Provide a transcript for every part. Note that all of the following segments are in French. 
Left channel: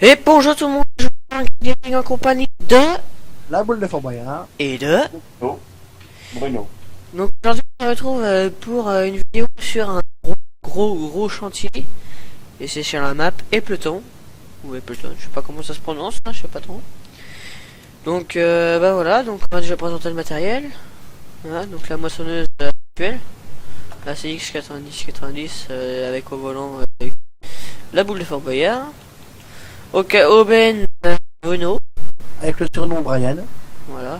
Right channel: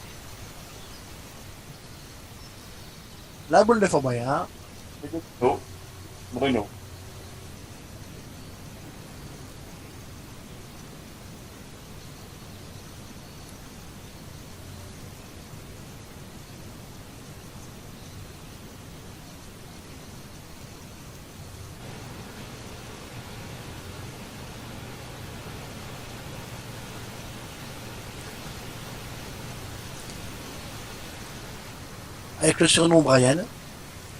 Et bonjour tout le monde, je suis Gaming en compagnie de... La boule de Fort Boyard. Et de... Oh, Bruno. Donc aujourd'hui on se retrouve pour une vidéo sur un gros chantier. Et c'est sur la map Epleton. Ou Epleton, je sais pas comment ça se prononce, hein, je sais pas trop. Donc bah voilà, donc on va déjà présenter le matériel. Voilà, donc la moissonneuse actuelle. La CX90 avec au volant la boule de Fort Boyard. Ok, Aubaine Bruno. Avec le surnom Brian. Voilà.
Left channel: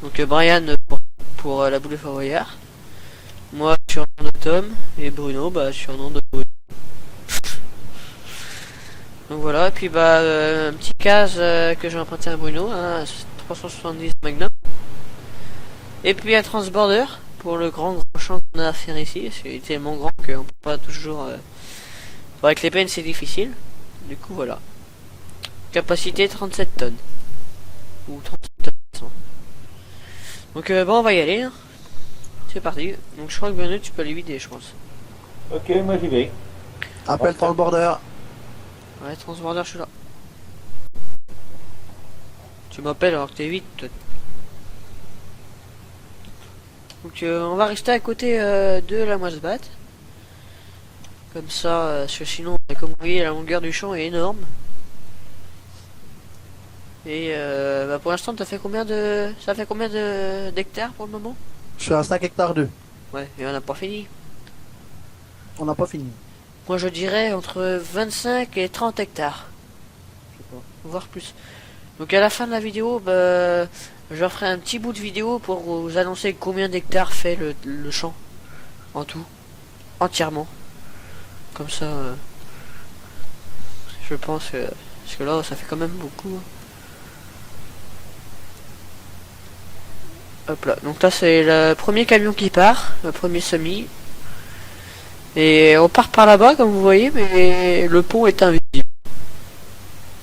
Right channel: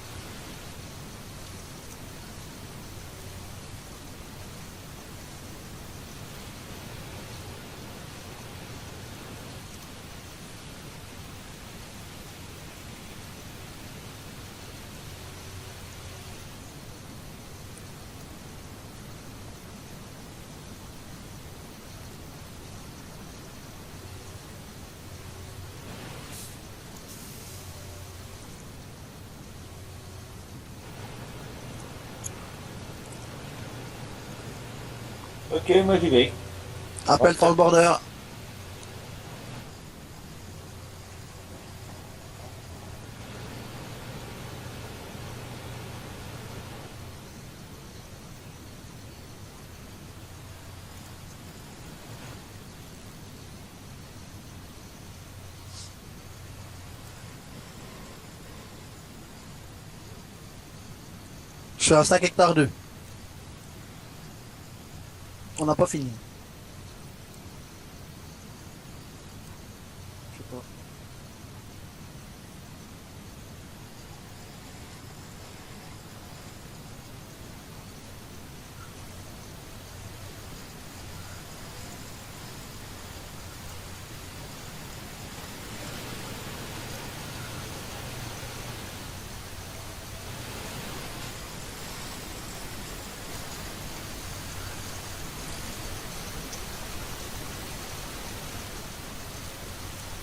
Donc Brian pour la boule de Fort Boyard. Moi surnom de Tom. Et Bruno surnom de Bruno. Donc voilà, et puis un petit case que j'ai emprunté à Bruno, un 370 Magnum. Et puis un transborder pour le grand champ qu'on a à faire ici. C'est tellement grand qu'on peut pas toujours... avec les peines c'est difficile. Du coup voilà. Capacité 37 tonnes. Ou 37 tonnes. Donc bon on va y aller. Hein. C'est parti. Donc je crois que Bruno tu peux aller vider je pense. Ok, moi j'y vais. Appelle Transborder. Ouais transborder je suis là. Tu m'appelles alors que t'es vite peut-être. Donc on va rester à côté de la moisse-batte. Comme ça, parce que sinon, comme vous voyez, la longueur du champ est énorme. Et pour l'instant, ça fait combien d'hectares pour le moment? Je suis à 5 hectares 2. Ouais, mais on n'a pas fini. On n'a pas fini. Moi, je dirais entre 25 et 30 hectares. Je sais pas, voire plus. Donc à la fin de la vidéo, je ferai un petit bout de vidéo pour vous annoncer combien d'hectares fait le champ en tout, entièrement. Comme ça, je pense que... Parce que là, ça fait quand même beaucoup. Hop là, donc là c'est le premier camion qui part, le premier semi. Et on part par là-bas, comme vous voyez, mais le pont est invisible.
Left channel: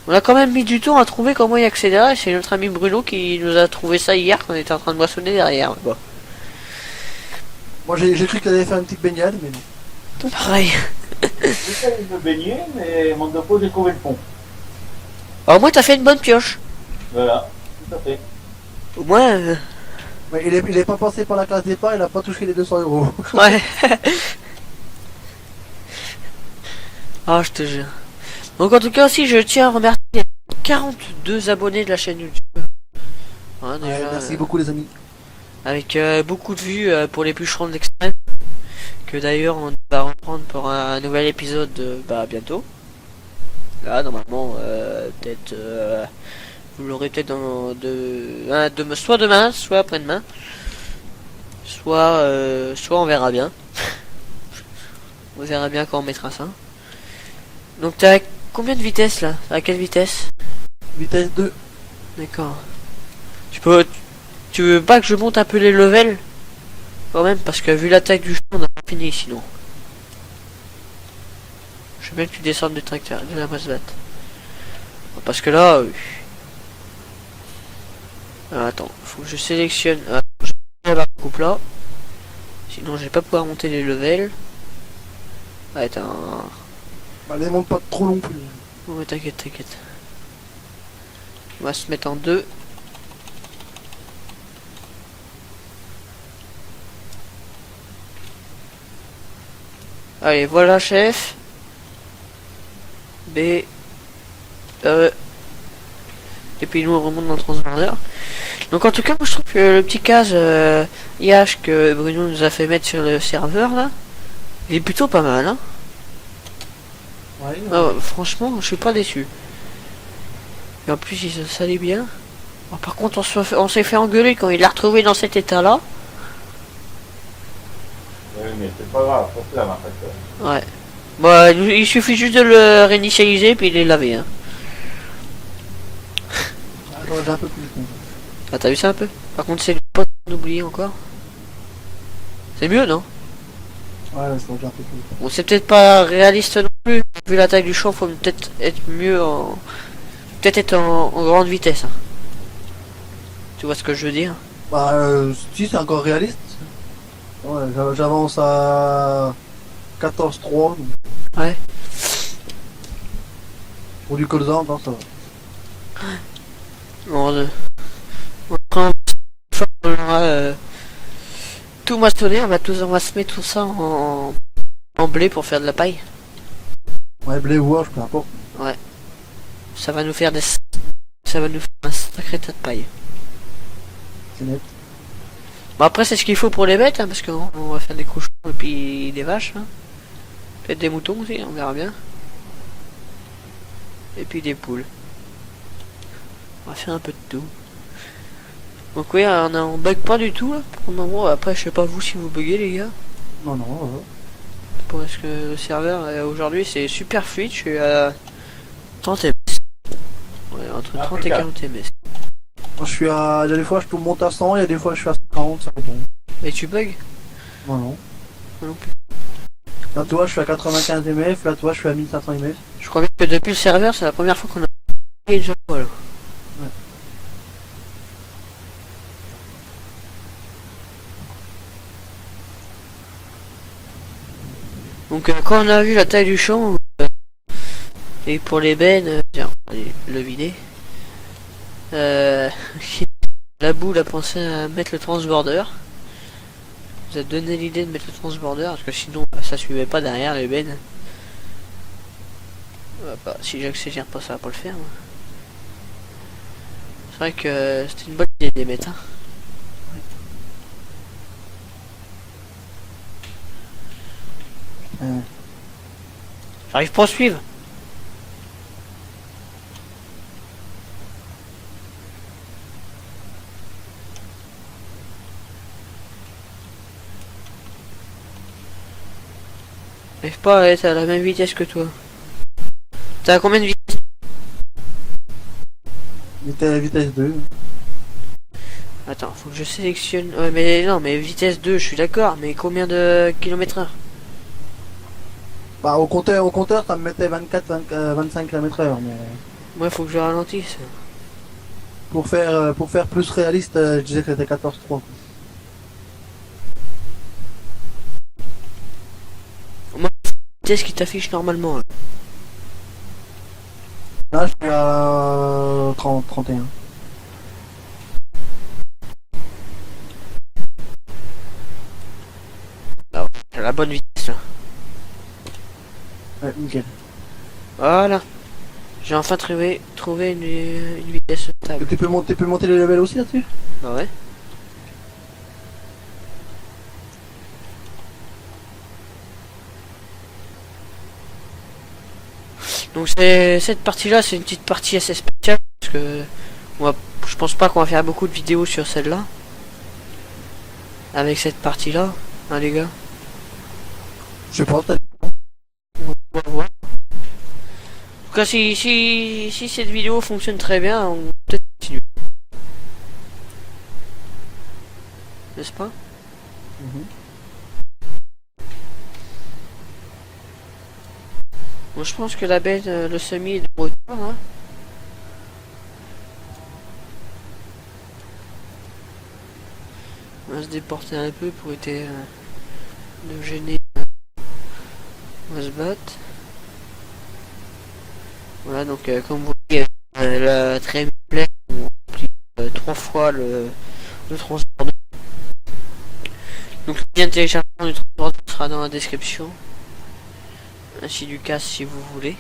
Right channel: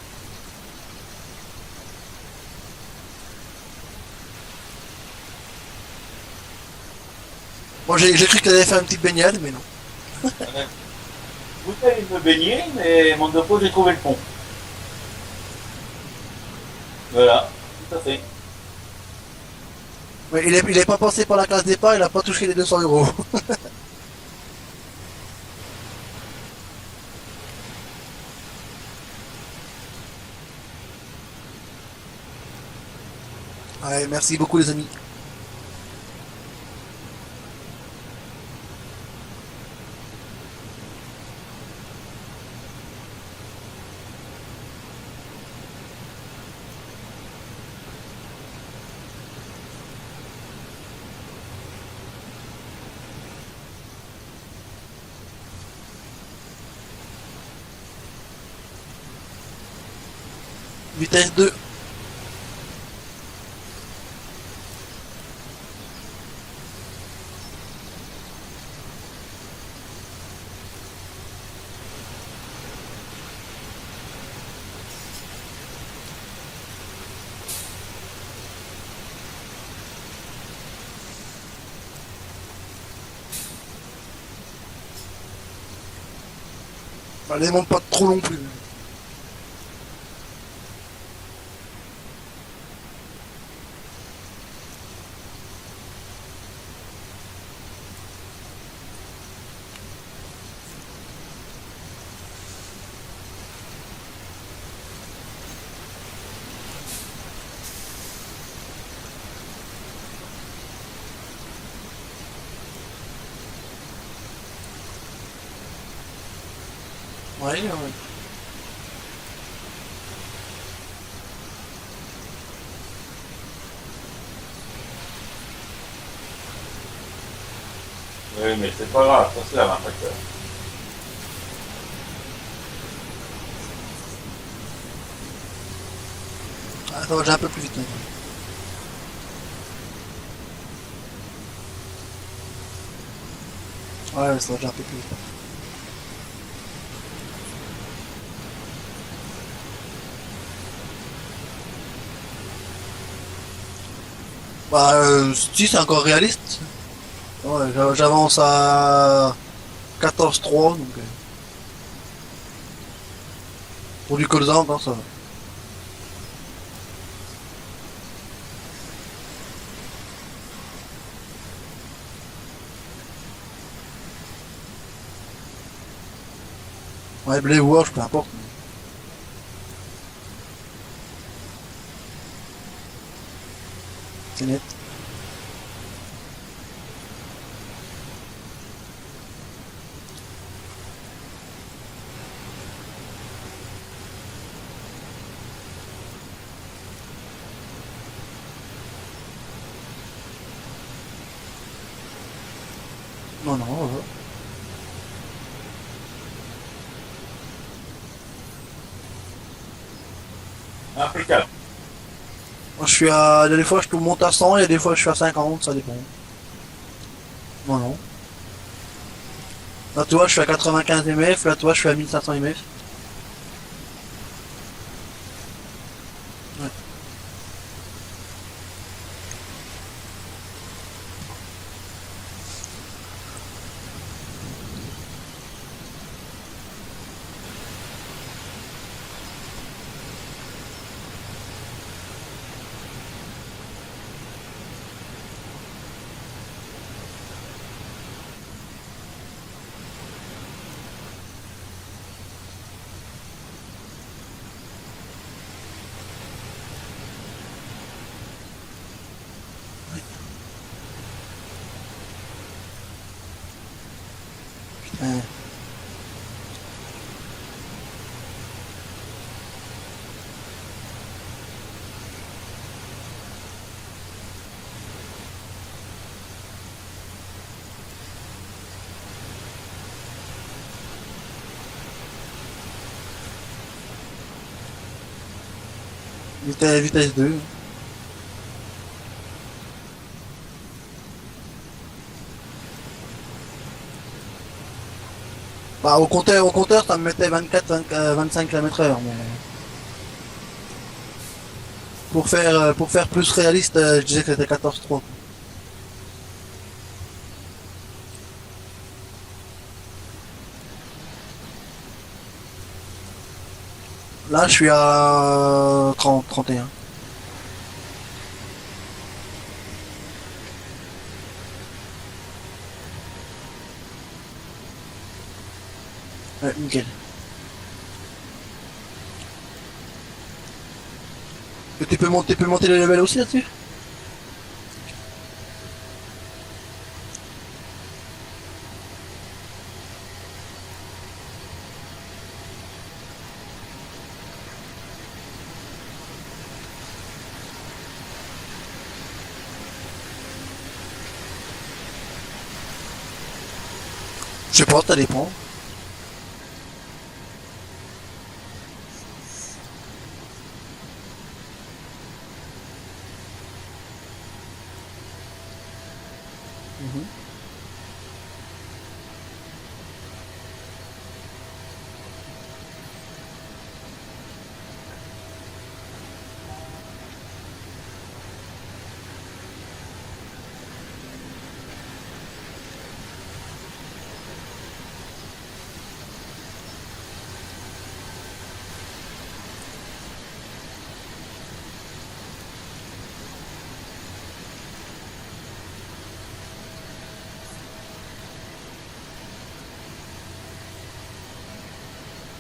On a quand même mis du temps à trouver comment y accéder. C'est notre ami Bruno qui nous a trouvé ça hier, quand on était en train de moissonner derrière. Quoi. Moi j'ai cru qu'elle allait faire une petite baignade, mais non. Pareil. J'essaie de me baigner, mais mon dépôt, j'ai trouvé le pont. Alors, au moins, t'as fait une bonne pioche. Voilà, tout à fait. Au moins, Mais il est pas passé par la classe départ, il a pas touché les 200 euros. ouais. Ah, je te jure. Donc, en tout cas, aussi, je tiens à remercier les 42 abonnés de la chaîne YouTube. Ouais, Ouais, déjà, merci beaucoup les amis. avec beaucoup de vues pour les bûcherons de l'extrême. Que d'ailleurs, on va reprendre pour un nouvel épisode bientôt. Là, normalement, peut-être. Vous l'aurez peut-être soit demain, soit après-demain. Soit on verra bien. On verra bien quand on mettra ça. Donc t'as combien de vitesse là? À quelle vitesse? Vitesse 2. D'accord. Tu veux pas que je monte un peu les levels? Quand même, parce que vu l'attaque du champ, on a pas fini sinon. Je veux bien que tu descendes du tracteur, de la Mazda. Parce que là... Alors, attends, faut que je sélectionne... je vais la coupe là. Sinon je vais pas pouvoir monter les levels. Ah, attends... Bah, les monte pas trop non plus. Oh, t'inquiète. On va se mettre en deux. Allez, voilà chef. B. E. Et puis nous on remonte dans le transborder. Donc en tout cas, moi je trouve que le petit case IH que Bruno nous a fait mettre sur le serveur là, il est plutôt pas mal. Hein. Ouais, Franchement, je suis pas déçu. Et en plus, il se salit bien. Bon, par contre, on s'est fait engueuler quand il l'a retrouvé dans cet état là. Oui, mais c'est pas grave, ça se lave un tracteur. Ouais. Bah, il suffit juste de le réinitialiser puis il est lavé. Hein. Attends, j'ai un peu plus vite. Ah, t'as vu ça un peu? Par contre, c'est le pote d'oublier encore. C'est mieux, non? Ouais, ça va déjà un peu plus vite. Bon, c'est peut-être pas réaliste non plus. Vu la taille du champ, faut peut-être être mieux en... Peut-être être en grande vitesse. Hein. Tu vois ce que je veux dire? Bah, si c'est encore réaliste. Ouais, j'avance à 14,3 donc. Ouais. Pour du colza, non, ça va. Bon, quand on aura tout moissonné, on va se mettre tout ça en blé pour faire de la paille. Ouais, blé ou orge, peu importe. Ça va nous faire ça va nous faire un sacré tas de paille. C'est net. Bon, après, c'est ce qu'il faut pour les bêtes, hein, parce qu'on va faire des cochons et puis des vaches. Hein. Peut-être des moutons aussi, on verra bien. Et puis des poules. On va faire un peu de tout. Donc oui, on bug pas du tout hein, pour le moment. Après, je sais pas vous si vous buguez les gars. Non, non, ouais. Parce que le serveur aujourd'hui c'est super fluide. Je suis à 30 ms. Ouais, entre 30 et Impeccable. 40 ms. Moi, je suis à. Il y a des fois, je peux monter à 100, il y a des fois, je suis à 50, ça dépend. Et tu bugs? Non, non. Non. Là, toi, je suis à 95 mf, là, toi, je suis à 1500 mf. Je crois bien que depuis le serveur, c'est la première fois qu'on a déjà voilà. Ouais. Donc quand on a vu la taille du champ et pour les bennes, tiens, allez, le vider. La boule a pensé à mettre le transborder. Vous a donné l'idée de mettre le transborder parce que sinon bah, ça suivait pas derrière les bennes. Bah, si j'accélère pas ça va pas le faire. Hein. C'est vrai que c'était une bonne idée de les mettre. Hein. Putain. J'arrive pas à suivre. J'arrive pas à être à la même vitesse que toi. T'as à combien de vitesse? Vitesse 2. Attends, faut que je sélectionne. Ouais, mais non, mais vitesse 2, je suis d'accord, mais combien de kilomètres heure? Bah, au compteur, ça me mettait 25 km/h, mais Moi, faut que je ralentisse. pour faire plus réaliste, je disais que c'était 14,3. Moi, vitesse qui t'affiche normalement. Hein. Là, je suis à 31. Alors, j'ai la bonne vitesse là. Ouais, nickel. Voilà. J'ai enfin trouvé une vitesse stable. Et tu peux monter le level aussi là-dessus? Ah ouais. Donc cette partie-là, c'est une petite partie assez spéciale parce que je pense pas qu'on va faire beaucoup de vidéos sur celle-là. Avec cette partie-là, hein, les gars. Je sais pas, ça dépend. Ouais, ouais. En tout cas, si cette vidéo fonctionne très bien, on peut peut-être continuer. N'est-ce pas? Mhm. Bon, je pense que la bête, le semi est de retour. Hein. On va se déporter un peu pour éviter nous gêner. On va se battre. Voilà, donc comme vous voyez, la très pleine, on applique 3 fois le transport. Donc le lien de téléchargement du transport sera dans la description. Ainsi du casque si vous voulez.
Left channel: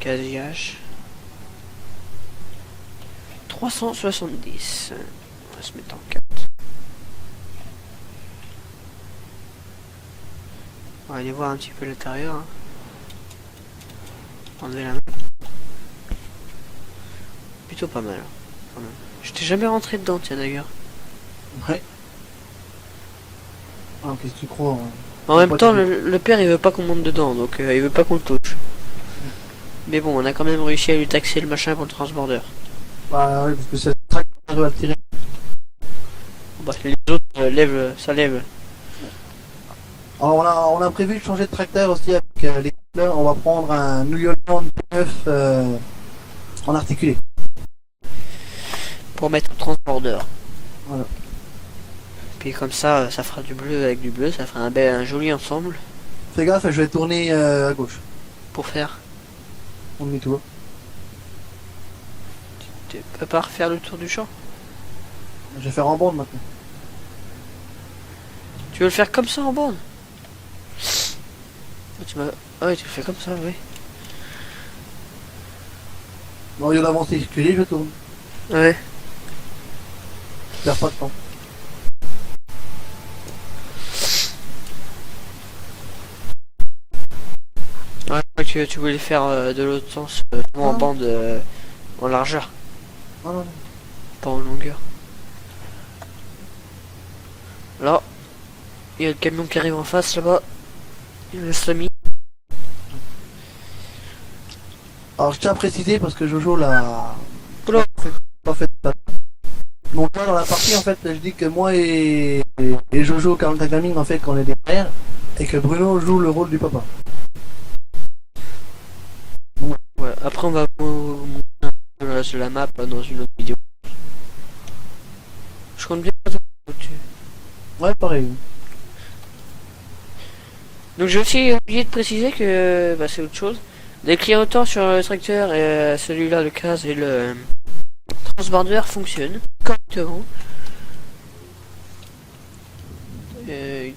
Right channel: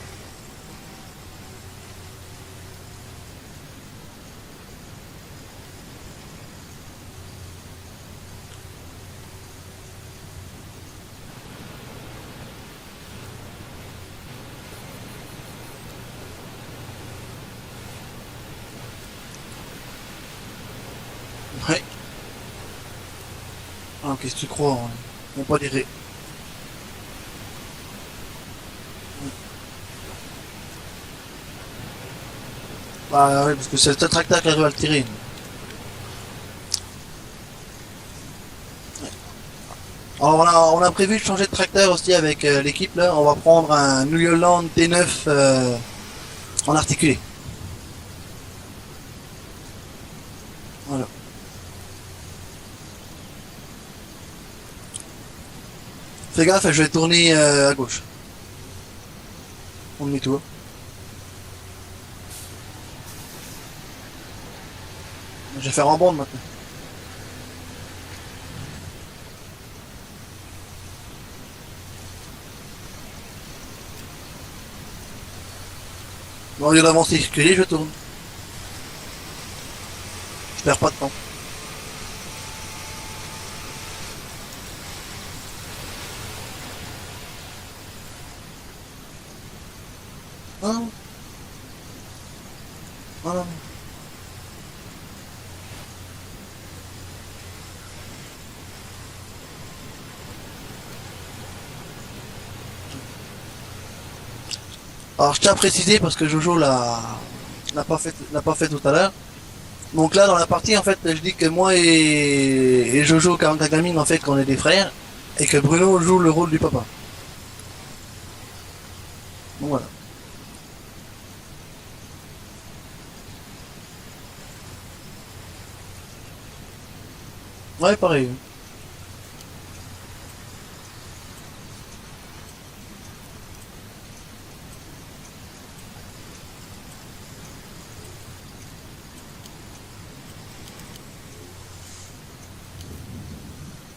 Casillage. 370. On va se mettre en 4. On va aller voir un petit peu l'intérieur. Hein. Enlever la main. Plutôt pas mal. Voilà. Je t'ai jamais rentré dedans, tiens d'ailleurs. Ouais. Ah, qu'est-ce que tu crois hein? En même Pas temps, t'aider. le père il veut pas qu'on monte dedans, donc il veut pas qu'on le touche. Mais bon, on a quand même réussi à lui taxer le machin pour le transborder. Bah ouais, parce que c'est le tracteur qui arrive à le tirer. Parce que les autres lèvent, ça lève. Alors on a prévu de changer de tracteur aussi avec l'équipe là. On va prendre un New Holland T9 en articulé. Pour mettre le transborder. Voilà. Puis comme ça, ça fera du bleu avec du bleu, ça fera un joli ensemble. Fais gaffe, je vais tourner à gauche. pour faire. On demi-tour. Tu peux pas refaire le tour du champ? Je vais faire en bande maintenant. Tu veux le faire comme ça en bande? Ah ouais, tu le fais comme ça, oui. Bon, au lieu d'avancer excusez, je tourne. Ouais. Je perds pas de temps. Ouais, je crois que tu voulais faire de l'autre sens, en Ah. bande, en largeur, Voilà. pas en longueur. Là, il y a le camion qui arrive en face là-bas. Le semi. Alors je tiens à préciser parce que Jojo Oula. l'a pas fait tout à l'heure. Donc là dans la partie en fait je dis que moi et Jojo Gaming en fait qu'on est des frères et que Bruno joue le rôle du papa. Donc voilà. Ouais, après on va vous montrer sur la map dans une autre vidéo. Je compte bien. Ouais pareil. Donc j'ai aussi oublié de préciser que bah, c'est autre chose. Les clignotants sur le tracteur et celui-là, le CAS et le transborder fonctionnent correctement.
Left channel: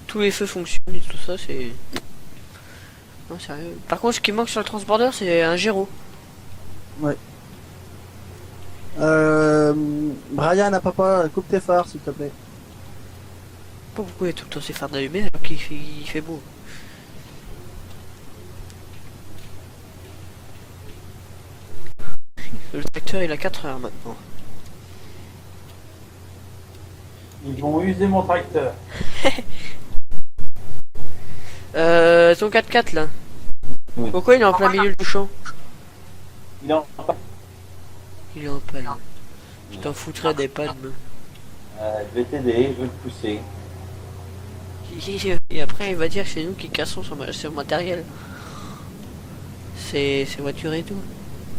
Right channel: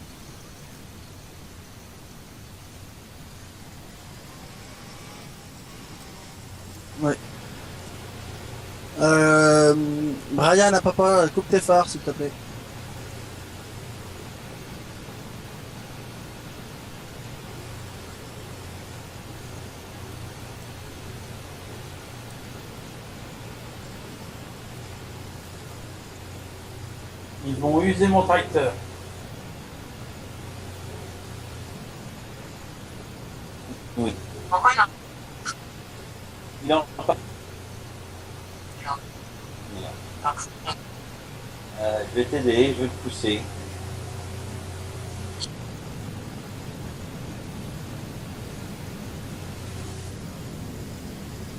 Tous les feux fonctionnent et tout ça, c'est... Non, sérieux. Par contre, ce qui manque sur le transborder, c'est un gyro. Brian à papa coupe tes phares s'il te plaît. Pourquoi il y a tout le temps ces phares d'allumer alors qu'il fait beau? Le tracteur il a 4 heures maintenant. Ils vont user mon tracteur. Ton 4x4 là. Oui. Pourquoi il est en plein milieu du champ? Il en Il est en panne. Je t'en foutrais des pannes. je vais t'aider, je vais te pousser. Et après il va dire que c'est nous qui cassons son matériel. C'est voiture et tout.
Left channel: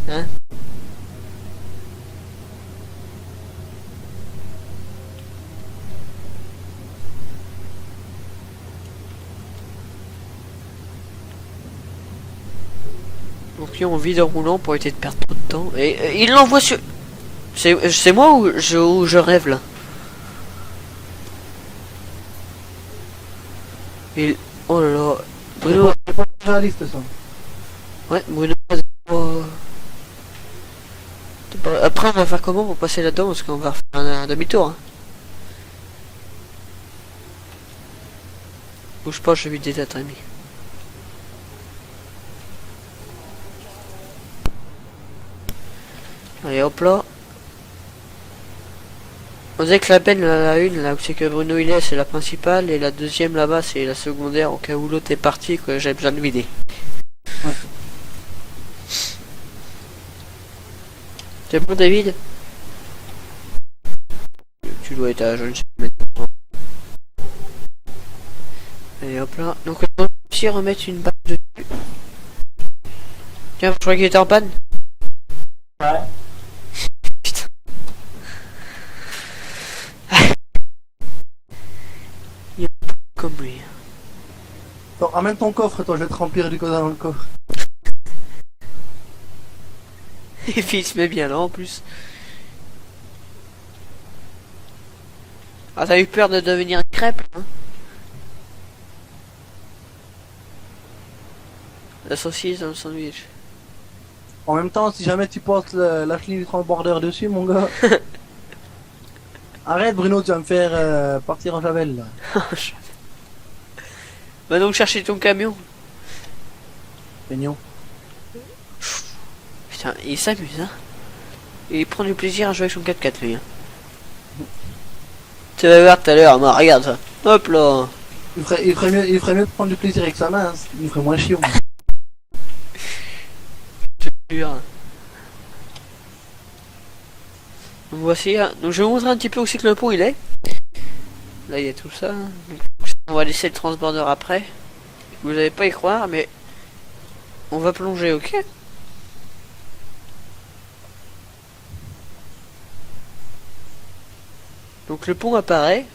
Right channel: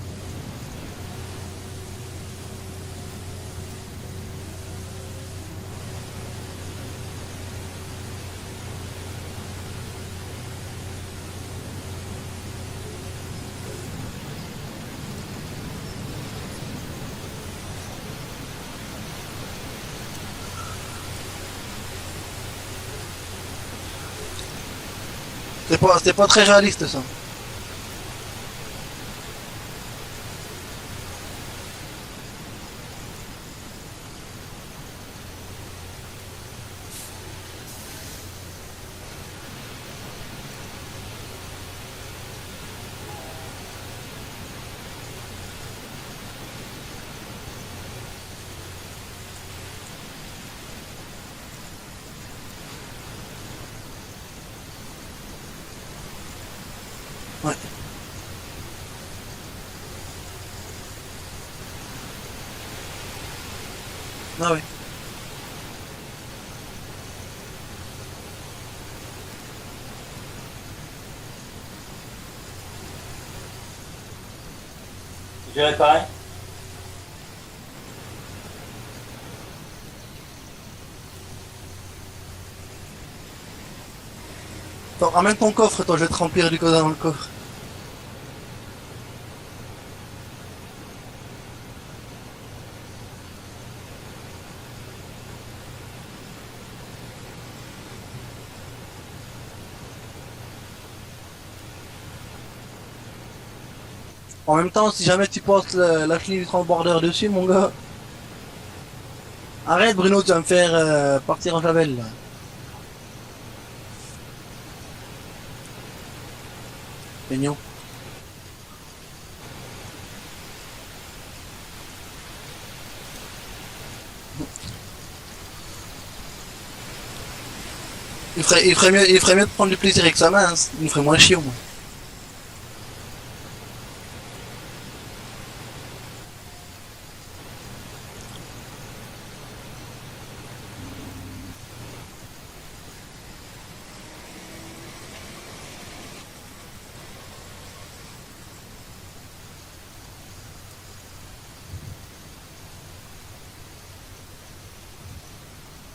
Hein? Donc on vide en roulant pour éviter de perdre trop de temps. Et il l'envoie sur... C'est moi ou je rêve là? Il... Oh là là. Bruno... C'est pas très réaliste ça. Ouais, Bruno... Après on va faire comment pour passer là-dedans parce qu'on va faire un demi-tour. Hein. Bouge pas, je vais vider ta timing. Allez hop là. On dirait que la benne, la une, là où c'est que Bruno il est, c'est la principale, et la deuxième là-bas, c'est la secondaire, au cas où l'autre est parti, que j'ai besoin de vider. Ouais. C'est bon, David? Ah oui. Tu dois être à je ne sais pas maintenant. Et hop là. Donc on va aussi remettre une balle dessus. Tiens, je crois qu'il était en panne. J'ai réparé. Putain. Il est comme lui. Attends, ramène ton coffre toi, je vais te remplir du coda dans le coffre. Et puis il se met bien là en plus. Ah, t'as eu peur de devenir crêpe hein? La saucisse dans le sandwich. En même temps, si jamais tu portes la clé du transborder dessus, mon gars. Arrête Bruno, tu vas me faire partir en javel là. Va donc chercher ton camion. Mignon. Putain, il s'amuse hein. Il prend du plaisir à jouer avec son 4x4 lui. Hein. Tu vas voir tout à l'heure, non, regarde ça. Hop là. Il ferait mieux de prendre du plaisir avec sa main, hein. Il me ferait moins chiant. Je te jure. Donc voici, hein. Donc je vais vous montrer un petit peu où c'est que le pont il est. Là il y a tout ça. On va laisser le transborder après. Vous n'allez pas y croire, mais on va plonger, ok? Donc le pont apparaît.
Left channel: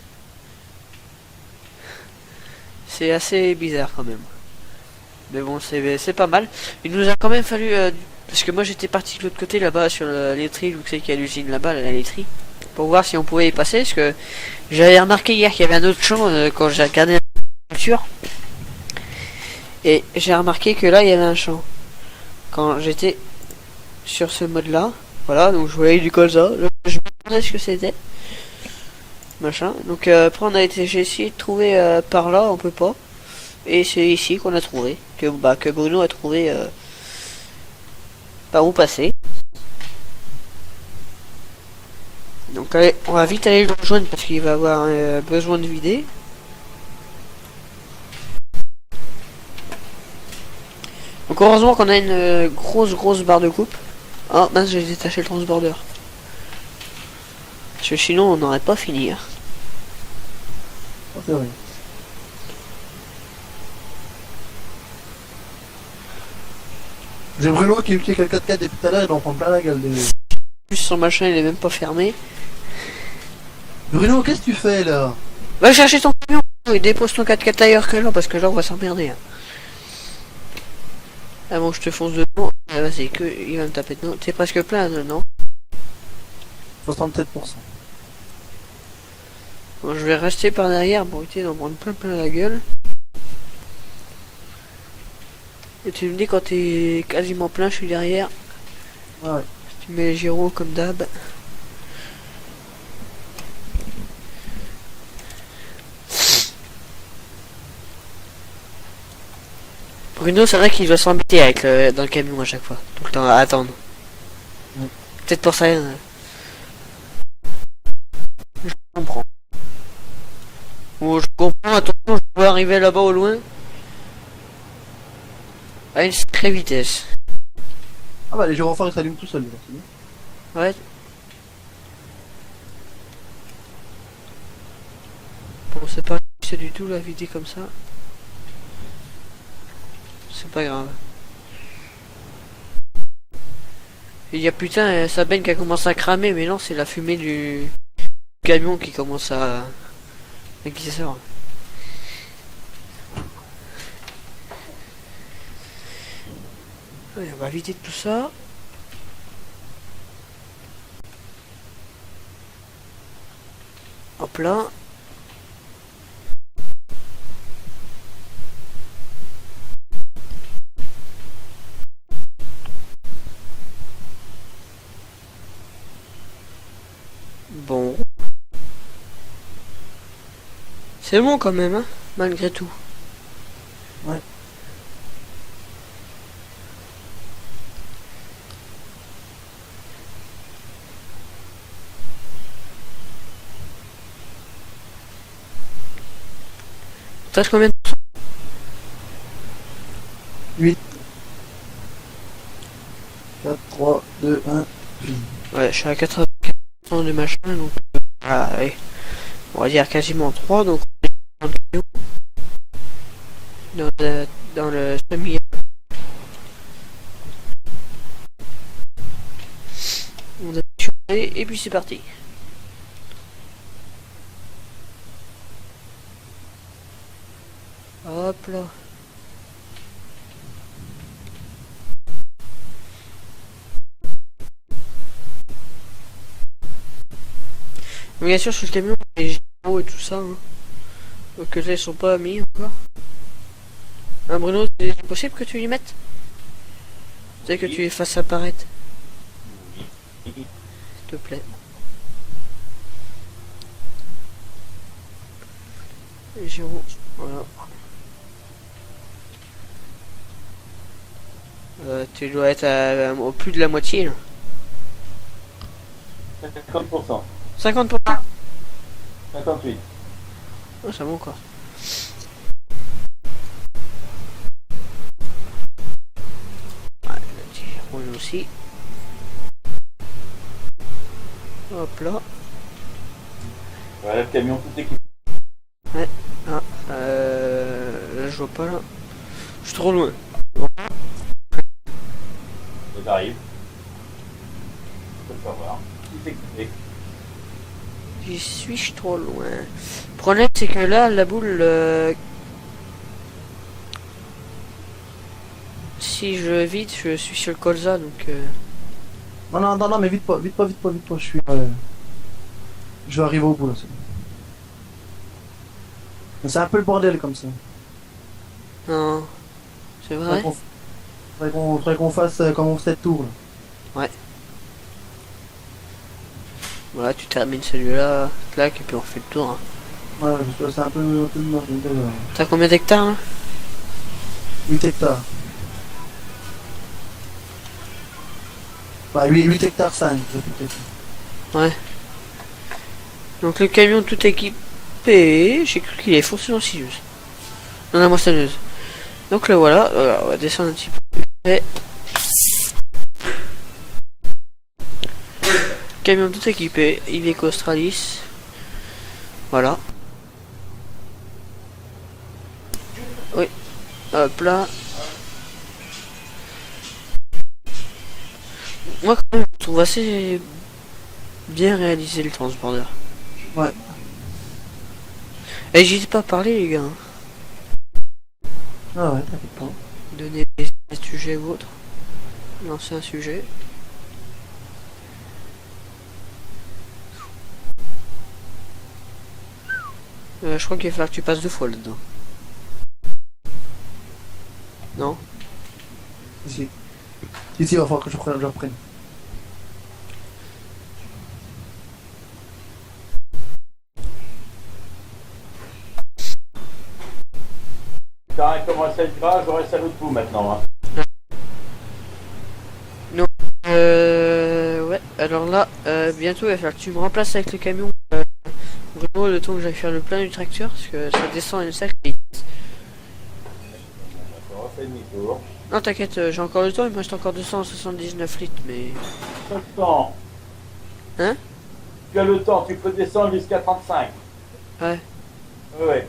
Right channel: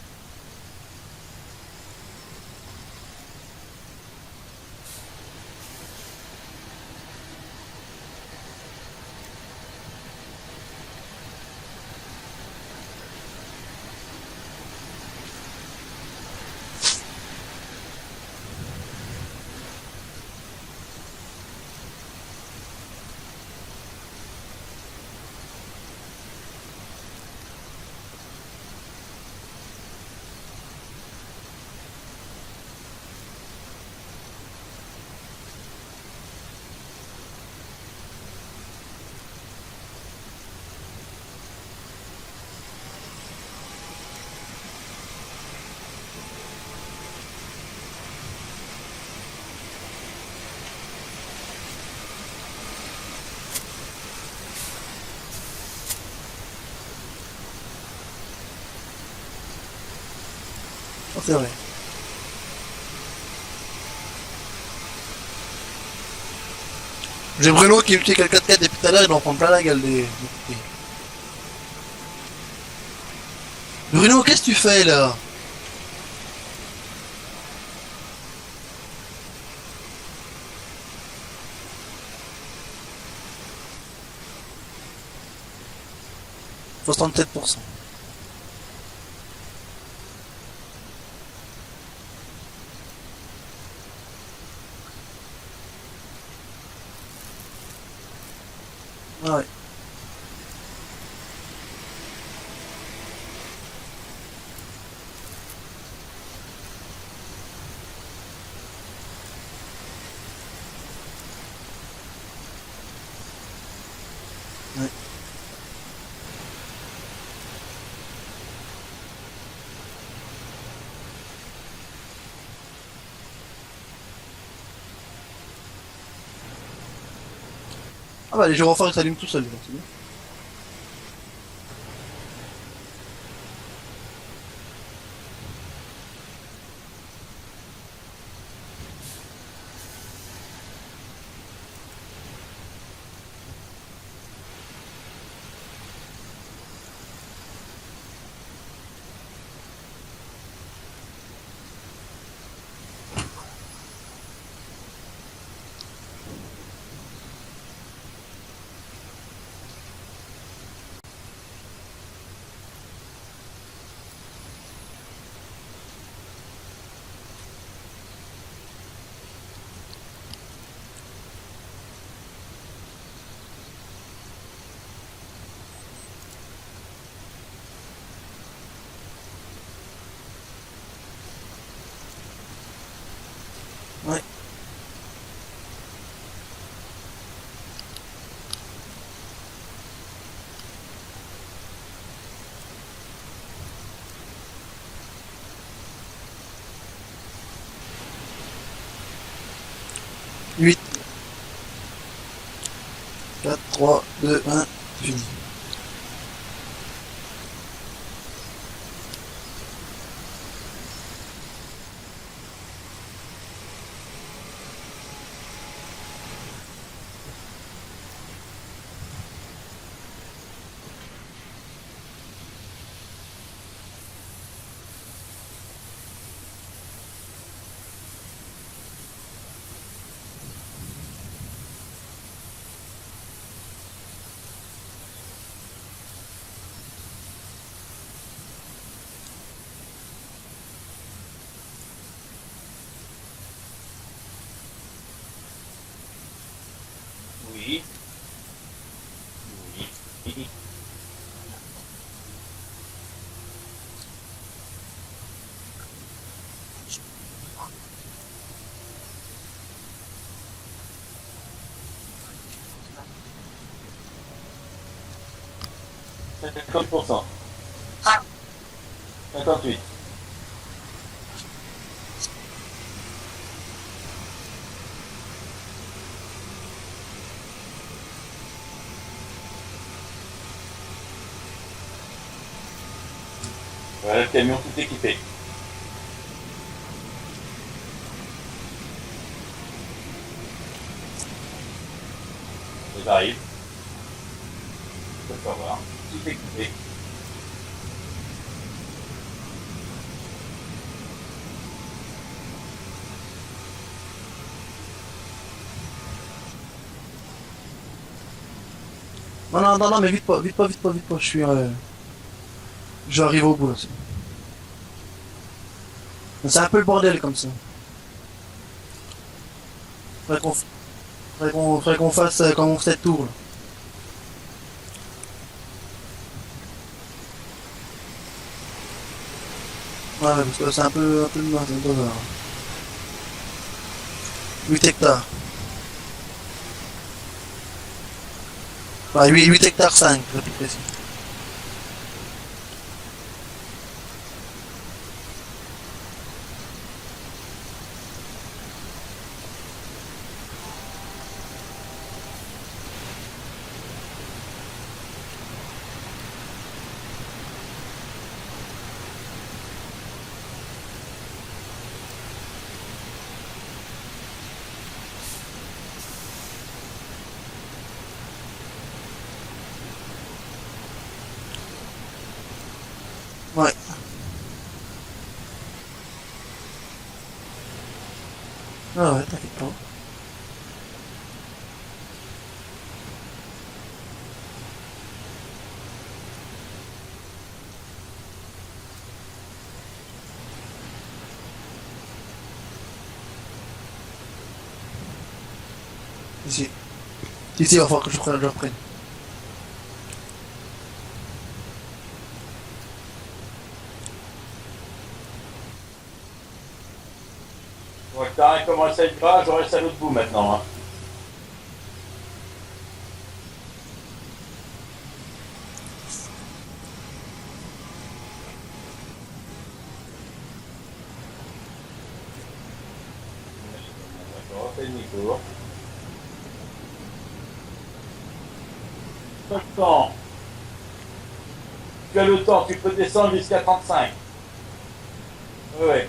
C'est assez bizarre quand même. Mais bon, c'est pas mal. Il nous a quand même fallu... parce que moi j'étais parti de l'autre côté là-bas sur la laiterie, vous savez qu'il y a l'usine là-bas, la laiterie, pour voir si on pouvait y passer, parce que j'avais remarqué hier qu'il y avait un autre champ quand j'ai regardé la voiture. Et j'ai remarqué que là il y avait un champ. Quand j'étais sur ce mode là, voilà, donc je voyais du colza, je me demandais ce que c'était. Machin. Donc après j'ai essayé de trouver par là, on peut pas. Et c'est ici qu'on a trouvé, que Bruno a trouvé par où passer. Donc allez, on va vite aller le rejoindre parce qu'il va avoir besoin de vider. Donc heureusement qu'on a une grosse barre de coupe. Oh mince, j'ai détaché le transborder. Parce que sinon on n'aurait pas fini. Hein. Oh, c'est vrai. J'ai Bruno qui utilise le 4x4 depuis tout à l'heure, il en prend plein la gueule. Plus son machin il est même pas fermé. Bruno, qu'est-ce que tu fais là? Va chercher ton camion et dépose ton 4x4 ailleurs que là parce que là on va s'emmerder. Hein. Ah bon, je te fonce dedans. Ah, vas-y, que il va me taper dedans. T'es presque plein, non? 67%. Bon, je vais rester par derrière pour éviter d'en prendre plein la gueule. Et tu me dis quand t'es quasiment plein, je suis derrière. Ouais. Tu mets les gyros comme d'hab. Bruno, c'est vrai qu'il doit s'embêter avec dans le camion à chaque fois. Tout le temps à attendre. Ouais. Peut-être pour ça. Je comprends. Oh, je comprends, attention, je peux arriver là-bas au loin. À une sacrée vitesse. Ah bah les gyrophares ils s'allument tout seuls, c'est bien. Ouais. Bon, c'est pas c'est du tout la vider comme ça. C'est pas grave. Il y a putain, sa benne qui a commencé à cramer, mais non, c'est la fumée du camion qui commence à... et qui sort. Ouais, on va vider tout ça. Hop là. Bon. C'est bon quand même, hein, malgré tout. Ouais. T'as combien de... 8. 4, 3, 2, 1, fini. Ouais, je suis à 80% de machin, donc... voilà, allez. On va dire quasiment 3, donc... on est 30 kilos dans le semi. On a tué, et puis c'est parti. Hop là. Mais bien sûr sur le camion, les gyros et tout ça. Hein. Donc là ils sont pas mis encore. Hein, Bruno, c'est possible que tu y mettes? C'est que tu les fasses apparaître. Oui. S'il te plaît. Les gyros, voilà. Tu dois être au plus de la moitié là. 50%. 50%. 58. Oh, ça va encore ça. Ouais, on aussi. Hop là. Voilà le camion tout équipé. Ouais. Ah, là je vois pas là. Je suis trop loin. Bon. J'arrive. Je peux le voir. Tout équipé. J'y suis trop loin. Le problème c'est que là la boule si je vide, je suis sur le colza donc. Non, non, non, non, mais vite pas, vite pas, vite pas, vite pas. Je vais arriver au bout là. C'est un peu le bordel comme ça. Non. C'est vrai. Faudrait qu'on fasse comme on fait cette tour là. Ouais, tu termines celui-là, clac, et puis on fait le tour. Hein. Ouais, parce que c'est un peu de merde. T'as combien d'hectares là? 8 hectares. Bah, 8 hectares 5, je suis précis. Ouais. Donc le camion tout équipé, j'ai cru qu'il est foncé dans Sirius. Non, la moissonneuse. Donc là voilà, on va descendre un petit peu. Et... Camion tout équipé, Iveco Australis. Voilà. Oui. Hop là. Moi quand même, je trouve assez bien réalisé le transpondeur. Ouais. Et j'hésite pas à parler les gars. Ah ouais, t'inquiète pas. Donner des sujets ou autres. Lancer un sujet. Je crois qu'il va falloir que tu passes 2 fois là-dedans. Non? Ici. Ici, il va falloir que je reprenne. Bon, le terrain commence à être gras, je reste à l'autre bout maintenant. Hein. Ouais, alors là, bientôt il va falloir que tu me remplaces avec le camion. Vraiment le temps que j'aille faire le plein du tracteur, parce que ça descend une sac vite. D'accord, on fait demi-tour. Non t'inquiète, j'ai encore le temps, il me reste encore 279 litres, mais... Tu as le temps. Hein? Tu as le temps, tu peux descendre jusqu'à 35. Ouais. Ouais.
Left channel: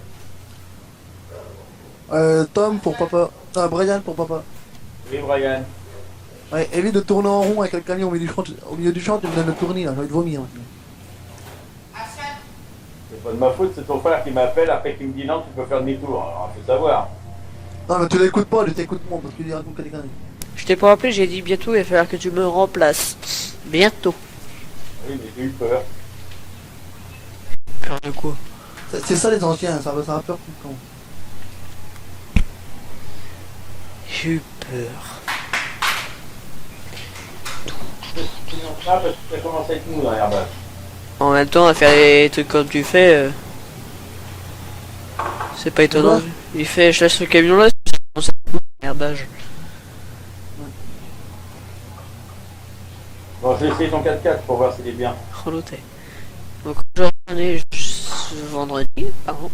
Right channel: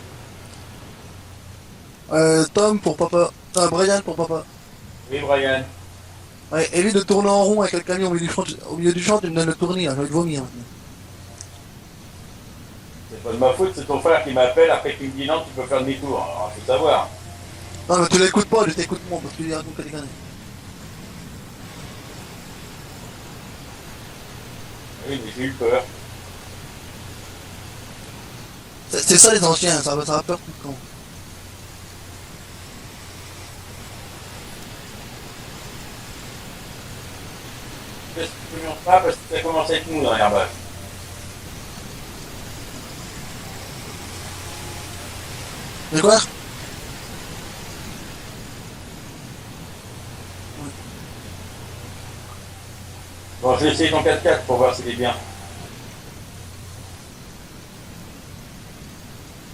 Tom pour papa. Ah, Brian pour papa. Oui, Brian. Ouais, évite de tourner en rond avec le camion au milieu du champ, tu me donnes le tournis, hein, j'ai envie de vomir maintenant. C'est pas de ma faute, c'est ton frère qui m'appelle après qu'il me dit non, tu peux faire demi-tour. Alors, faut savoir. Non, mais tu l'écoutes pas, je t'écoute moi parce que tu racontes que des conneries. Je t'ai pas rappelé, j'ai dit bientôt il va falloir que tu me remplaces. Bientôt. Oui, mais j'ai eu peur. Peur de quoi? C'est ça les anciens, ça va peur tout le temps. J'ai eu peur. Tu n'en pas parce que ça commence à être mou dans l'herbage. En même temps, à faire les trucs comme tu fais, c'est pas étonnant. Quoi? Il fait, je laisse le camion là, c'est l'herbage. Bon, je vais essayer ton 4x4 pour voir s'il est bien. Reloté. Donc, je vais retourner vendredi. Pardon.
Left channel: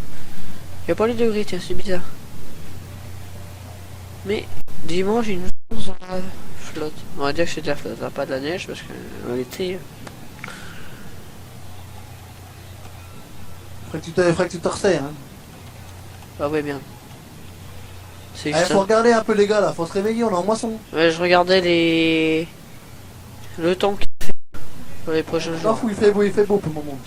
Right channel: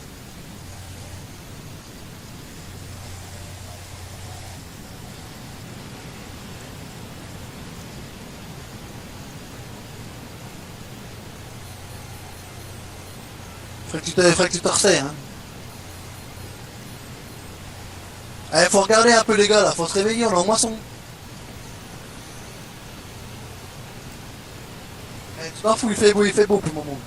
Il n'y a pas les degrés, tiens, c'est bizarre. Mais dimanche, il nous en flotte. On va dire que c'était la flotte, pas de la neige parce que l'été. Faudrait que tu te resserres, hein. Ah ouais, bien. C'est Allez, ça. faut regarder un peu les gars là, faut se réveiller, on est en moisson. Ouais, je regardais le temps qu'il fait pour les prochains T'en jours. fous, il fait beau pour le moment.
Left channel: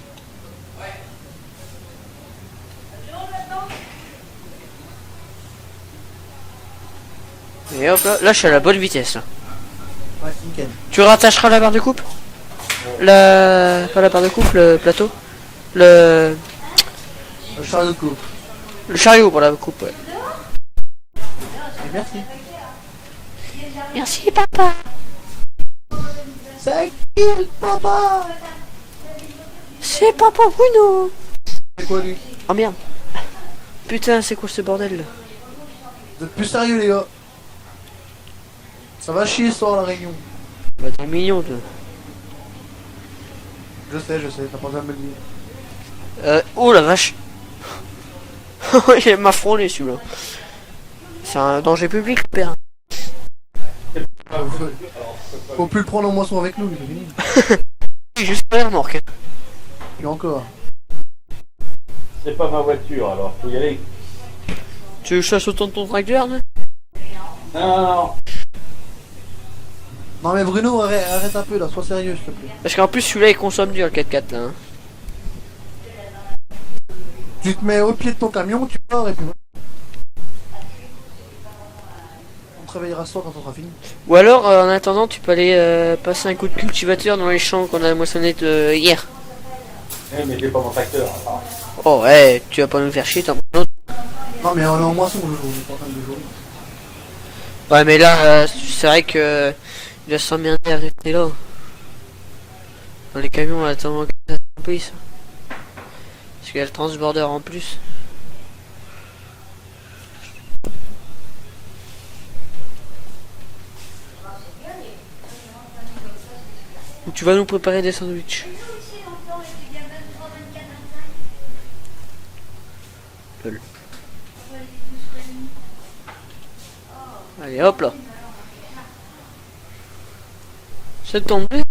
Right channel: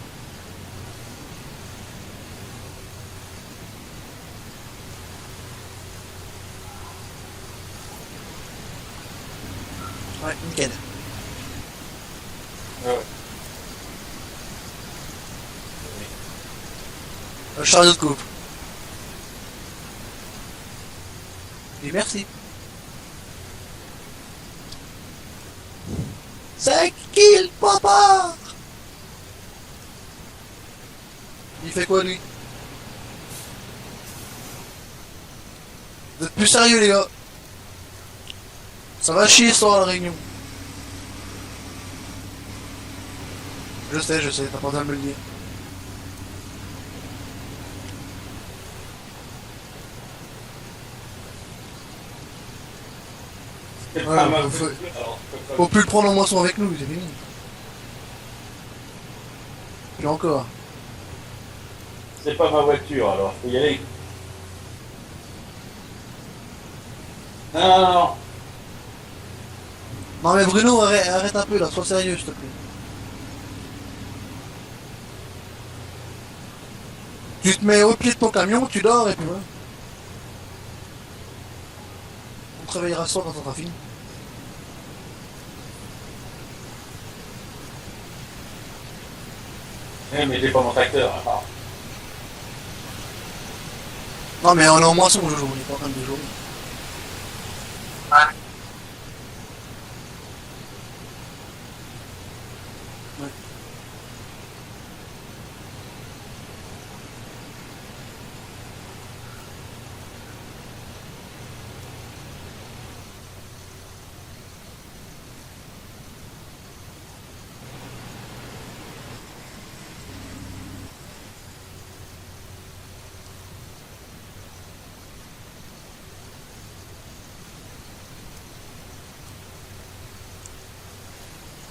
Et hop là, là je suis à la bonne vitesse. Là. Ouais, nickel. Tu rattacheras la barre de coupe? Pas la barre de coupe, le plateau. Le chariot de coupe. Le chariot pour la coupe. Ouais. Et merci. Merci papa. 5 kills, papa. C'est papa Bruno. Il fait quoi lui? Oh merde. Putain, c'est quoi ce bordel là? Vous êtes plus sérieux les gars. Ça va chier ce soir à la réunion. Bah, t'es mignon toi. Je sais, t'as pas besoin de me le dire. Oh la vache. Il m'a frôlé celui-là. C'est un danger public, père. C'est pas Ouais, ma faut- faute. Alors, c'est pas- Faut plus le prendre en moisson avec nous, c'est fini. Juste pas les remorques. Puis encore. C'est pas ma voiture, alors faut y aller. Tu chasses autant de ton tracteur, non? Non, non, non. Non mais Bruno, arrête un peu là, sois sérieux s'il te plaît. Parce qu'en plus celui-là il consomme dur le 4x4 là. Hein. Tu te mets au pied de ton camion, tu dors et puis voilà. On te réveillera ce soir quand on sera fini. Ou alors, en attendant, tu peux aller passer un coup de cultivateur dans les champs qu'on a moissonnés hier. Mais j'ai pas mon tracteur, attends. Oh ouais, tu vas pas nous faire chier, t'en prends un autre. Non, mais on est en moisson, Jojo, on est pas en train de jouer. Ouais, mais là, c'est vrai que il va s'emmerder à rester là. Dans les camions, on attend que ça remplisse. Parce qu'il y a le transborder en plus. Tu vas nous préparer des sandwichs. Allez hop là. C'est tombé.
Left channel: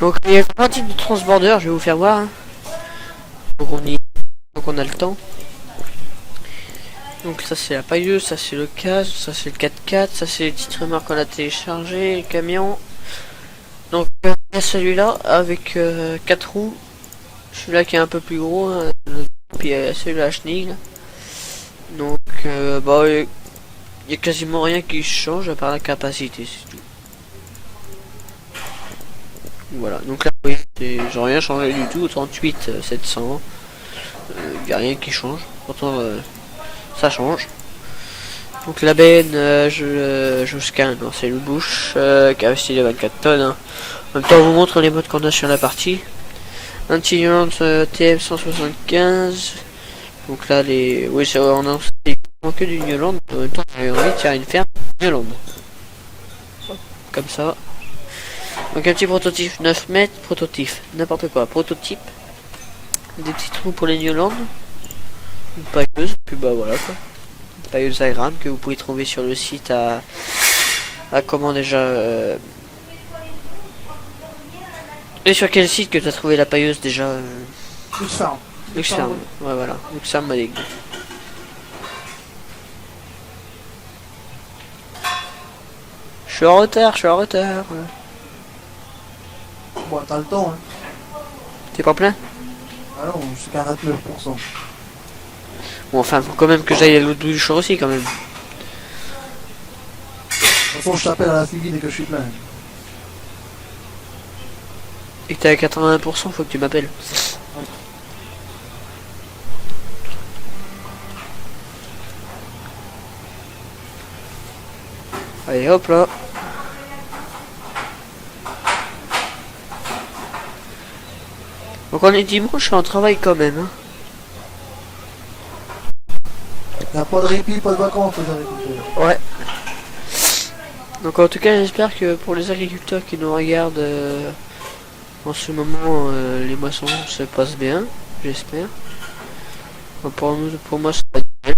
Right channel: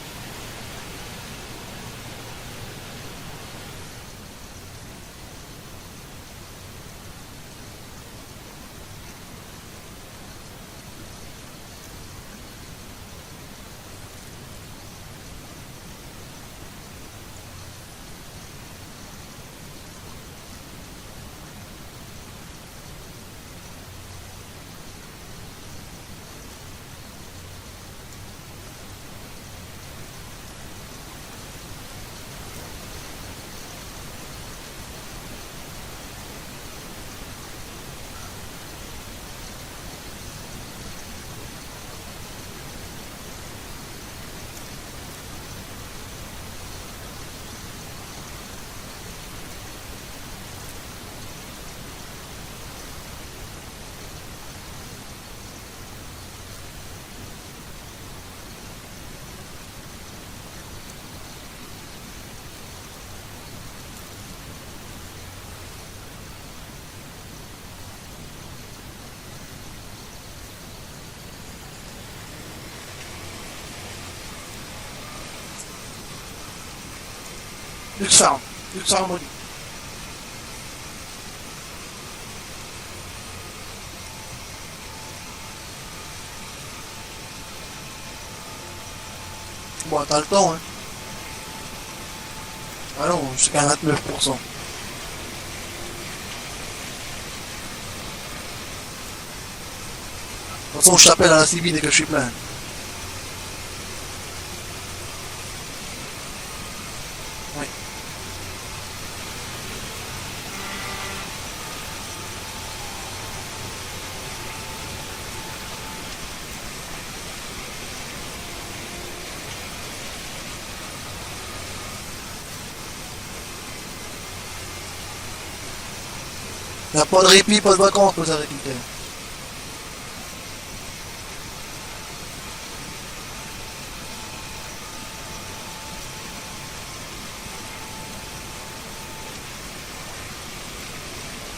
Donc il y a un type de transborder, je vais vous faire voir. Hein. Donc on a le temps. Donc ça c'est la pailleuse, ça c'est le casque, ça c'est le 4x4, ça c'est les petites remorques qu'on a téléchargé, le camion. Donc il y a celui-là avec 4 roues. Celui-là qui est un peu plus gros, hein, puis il y a celui-là à chenille. Donc bah il y a quasiment rien qui change à part la capacité. Voilà, donc là oui, j'ai rien changé du tout, 38 700. Il n'y a rien qui change, pourtant ça change. Donc la benne, je vous scanne, c'est une bouche capacité de 24 tonnes. Hein. En même temps, on vous montre les modes qu'on a sur la partie. Un Tiguan TF175. Donc là, les. Oui, c'est on a que du New Holland. En même temps, on a envie de faire une ferme New Holland. Comme ça. Donc un petit prototype 9 mètres, prototype, n'importe quoi, prototype. Des petits trous pour les New Holland. Une pailleuse, puis bah voilà quoi. Une pailleuse à grammes que vous pouvez trouver sur le site à comment déjà. Et sur quel site que tu as trouvé la pailleuse déjà Luxarm. Luxarm. Ouais voilà, Luxarm m'a dit. Je suis en retard, Bon, t'as le temps, hein. T'es pas plein? Ah non, jusqu'à 29%. Bon enfin, faut quand même que j'aille à l'autre bout du champ aussi quand même. De toute façon, je t'appelle à la civile dès que je suis plein. Et que t'es à 80%, faut que tu m'appelles. Oui. Allez hop là. Donc on est dimanche, je suis en travail quand même. Hein. Y'a pas de répit, pas de vacances pour les agriculteurs. Ouais. Donc en tout cas, j'espère que pour les agriculteurs qui nous regardent en ce moment, les moissons se passent bien. J'espère. Enfin, pour moi, c'est pas nickel.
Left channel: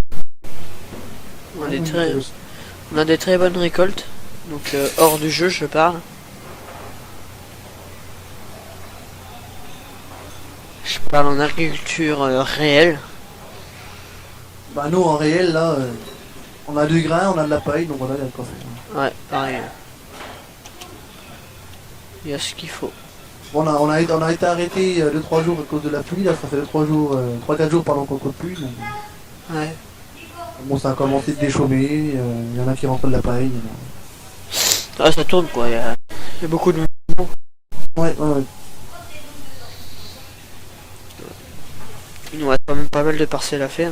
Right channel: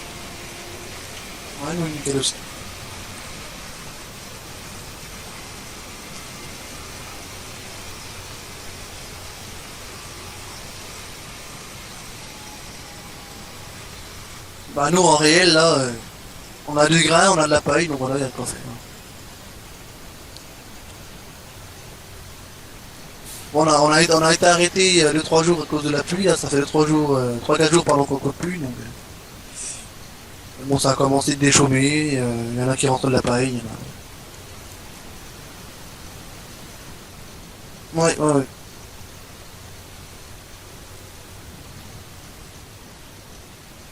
On a des très bonnes récoltes. Donc hors du jeu, je parle. Je parle en agriculture réelle. Bah nous en réel là, on a du grain, on a de la paille, donc voilà, il y a de quoi faire. Ouais, pareil. Il y a ce qu'il faut. Bon, on a été arrêté 2-3 jours à cause de la pluie, là ça fait 3 jours, 3-4 jours pendant qu'on coupe plus. Donc, Ouais. bon ça a commencé de déchaumer, il y en a qui rentrent de la paille, il y en a... Ah, ça tourne quoi, il y a beaucoup de mouvements. Ouais, ouais, ouais. Il nous reste quand même pas mal de parcelles à faire.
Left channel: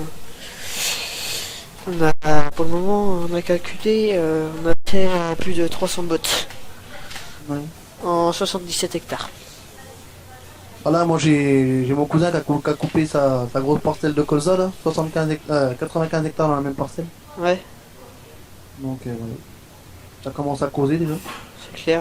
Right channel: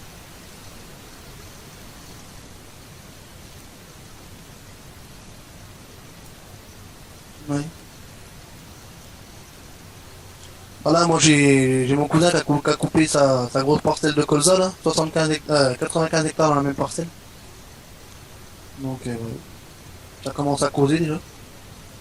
On a, pour le moment, on a calculé, on a fait plus de 300 bottes Ouais. en 77 hectares. Voilà, moi j'ai mon cousin qui a coupé sa grosse parcelle de colza là, 95 hectares dans la même parcelle. Ouais, Donc ouais. Ça commence à causer déjà. c'est clair.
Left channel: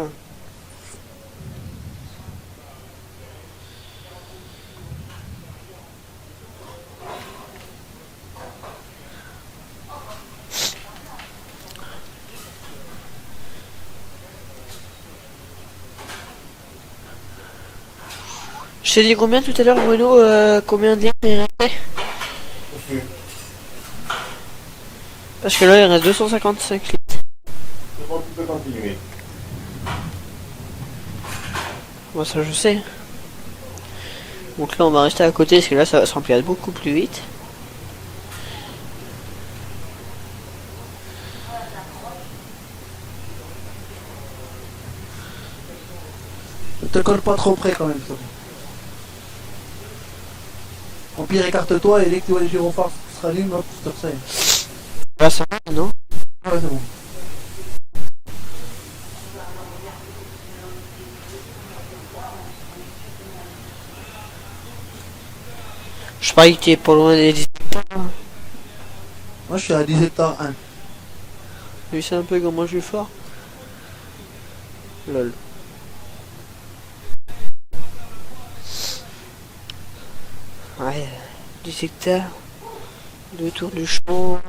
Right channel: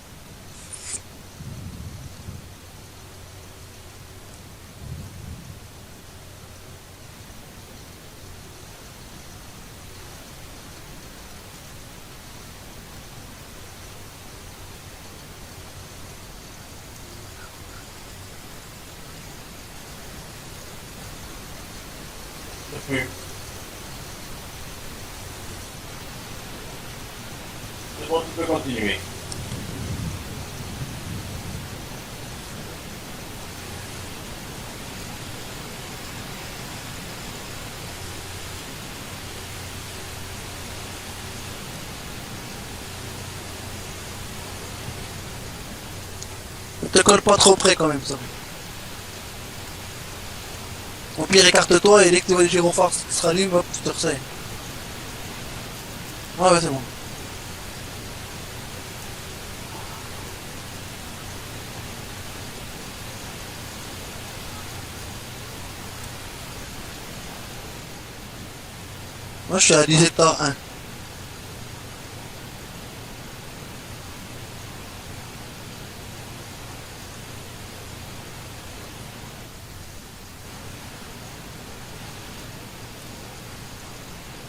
Je t'ai dit combien tout à l'heure, Bruno, combien d'heures il restait? Plus. Parce que là, il reste 255 litres. C'est bon, tu peux continuer. Moi, ça, je sais. Donc là, on va rester à côté, parce que là, ça va se remplir beaucoup plus vite. Ne te colle pas trop près quand même, ça. Au pire, écarte-toi et dès que tu vois les gyrophares qui se rallument, hop, tu te resserres. Là, ça va, non? Ouais, ouais, c'est bon. Je parie que tu es pas loin des 10. Moi, je suis à 10 hectares 1. Oui, c'est un peu comment je suis fort. Lol. Ouais, 10 hectares. 2 tours du champ.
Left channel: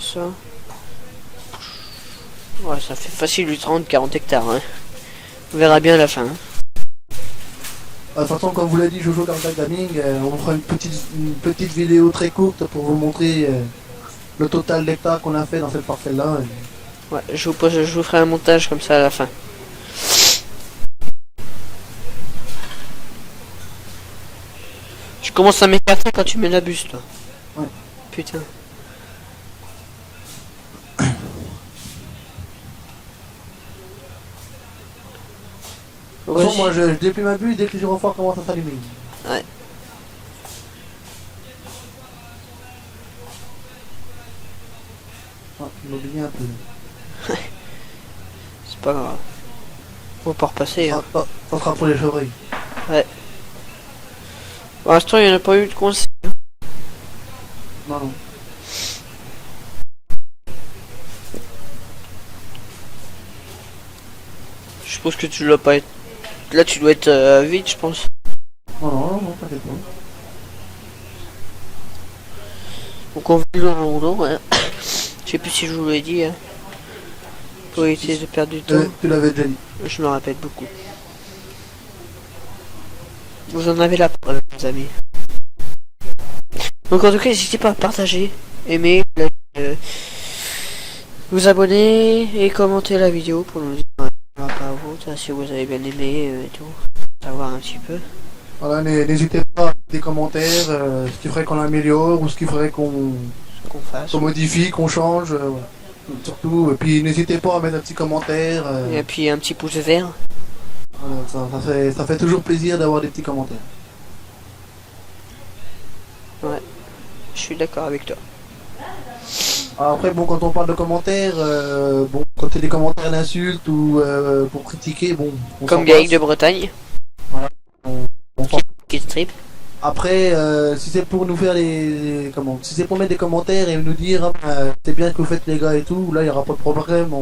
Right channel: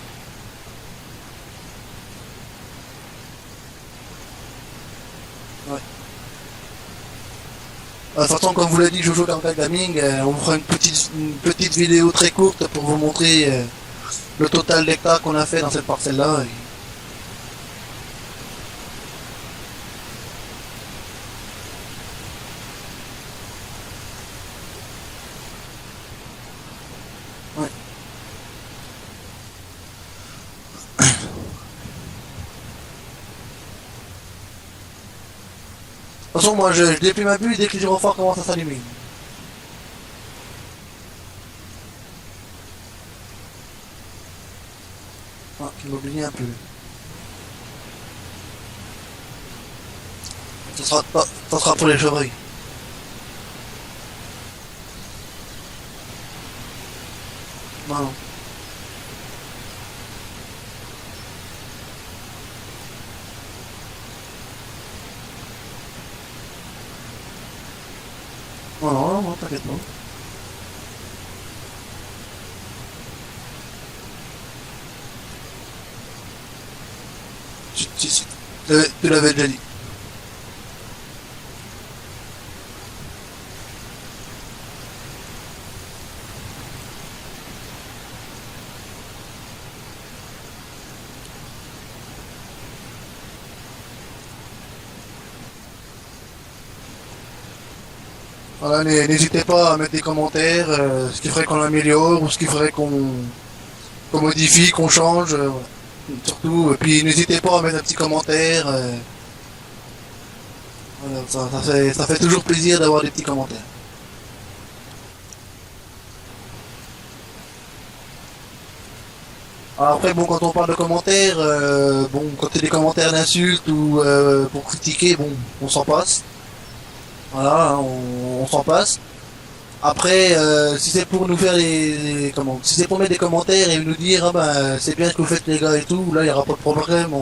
Ça. Ouais, ça fait facile du 30-40 hectares. Hein. On verra bien à la fin. Hein. De toute façon, comme vous l'a dit Jojo Cartac Gaming, on fera une petite vidéo très courte pour vous montrer le total d'hectares qu'on a fait dans cette parcelle-là. Ouais, je vous ferai un montage comme ça à la fin. Je commence à m'écarter quand tu mets la buse, toi. Ouais. Putain. De toute façon, moi, je déplie ma buse dès que les gyrophares commencent à s'allumer. Ouais. Ah, je m'oublie un peu. C'est pas grave. On va pas repasser. Ça sera pour les chevreuils. Pour l'instant, il n'y en a pas eu de conseil. Non, non. Je suppose que tu dois pas être. Là, tu dois être vite, je pense. Non, non, non, t'inquiète pas. Donc, on vit dans le rouleau, ouais. Je sais plus si je vous l'ai dit. Hein. Faut éviter de perdre du temps. Tu l'avais déjà dit. Je me rappelle beaucoup. Vous en avez la preuve, mes amis. Donc en tout cas, n'hésitez pas à partager, aimer, vous abonner et commenter la vidéo pour nous dire par rapport à vous, si vous avez bien aimé et tout. Savoir un petit peu. Voilà, n'hésitez pas à mettre des commentaires, ce qui ferait qu'on améliore ou ce qui ferait qu'on Qu'on fasse. modifie, qu'on change. Voilà. Surtout, et puis n'hésitez pas à mettre un petit commentaire. Et puis un petit pouce vert. Voilà, ça fait toujours plaisir d'avoir des petits commentaires. Ouais. Je suis d'accord avec toi. Alors après, bon, quand on parle de commentaires, bon, quand c'est des commentaires d'insultes ou pour critiquer, bon, on s'en Comme Gaïc passe. de Bretagne. Voilà, hein, on s'en passe. Qui strip. Après, si c'est pour nous faire comment, si c'est pour mettre des commentaires et nous dire, ah ben, c'est bien ce que vous faites les gars et tout, là, il n'y aura pas de problème.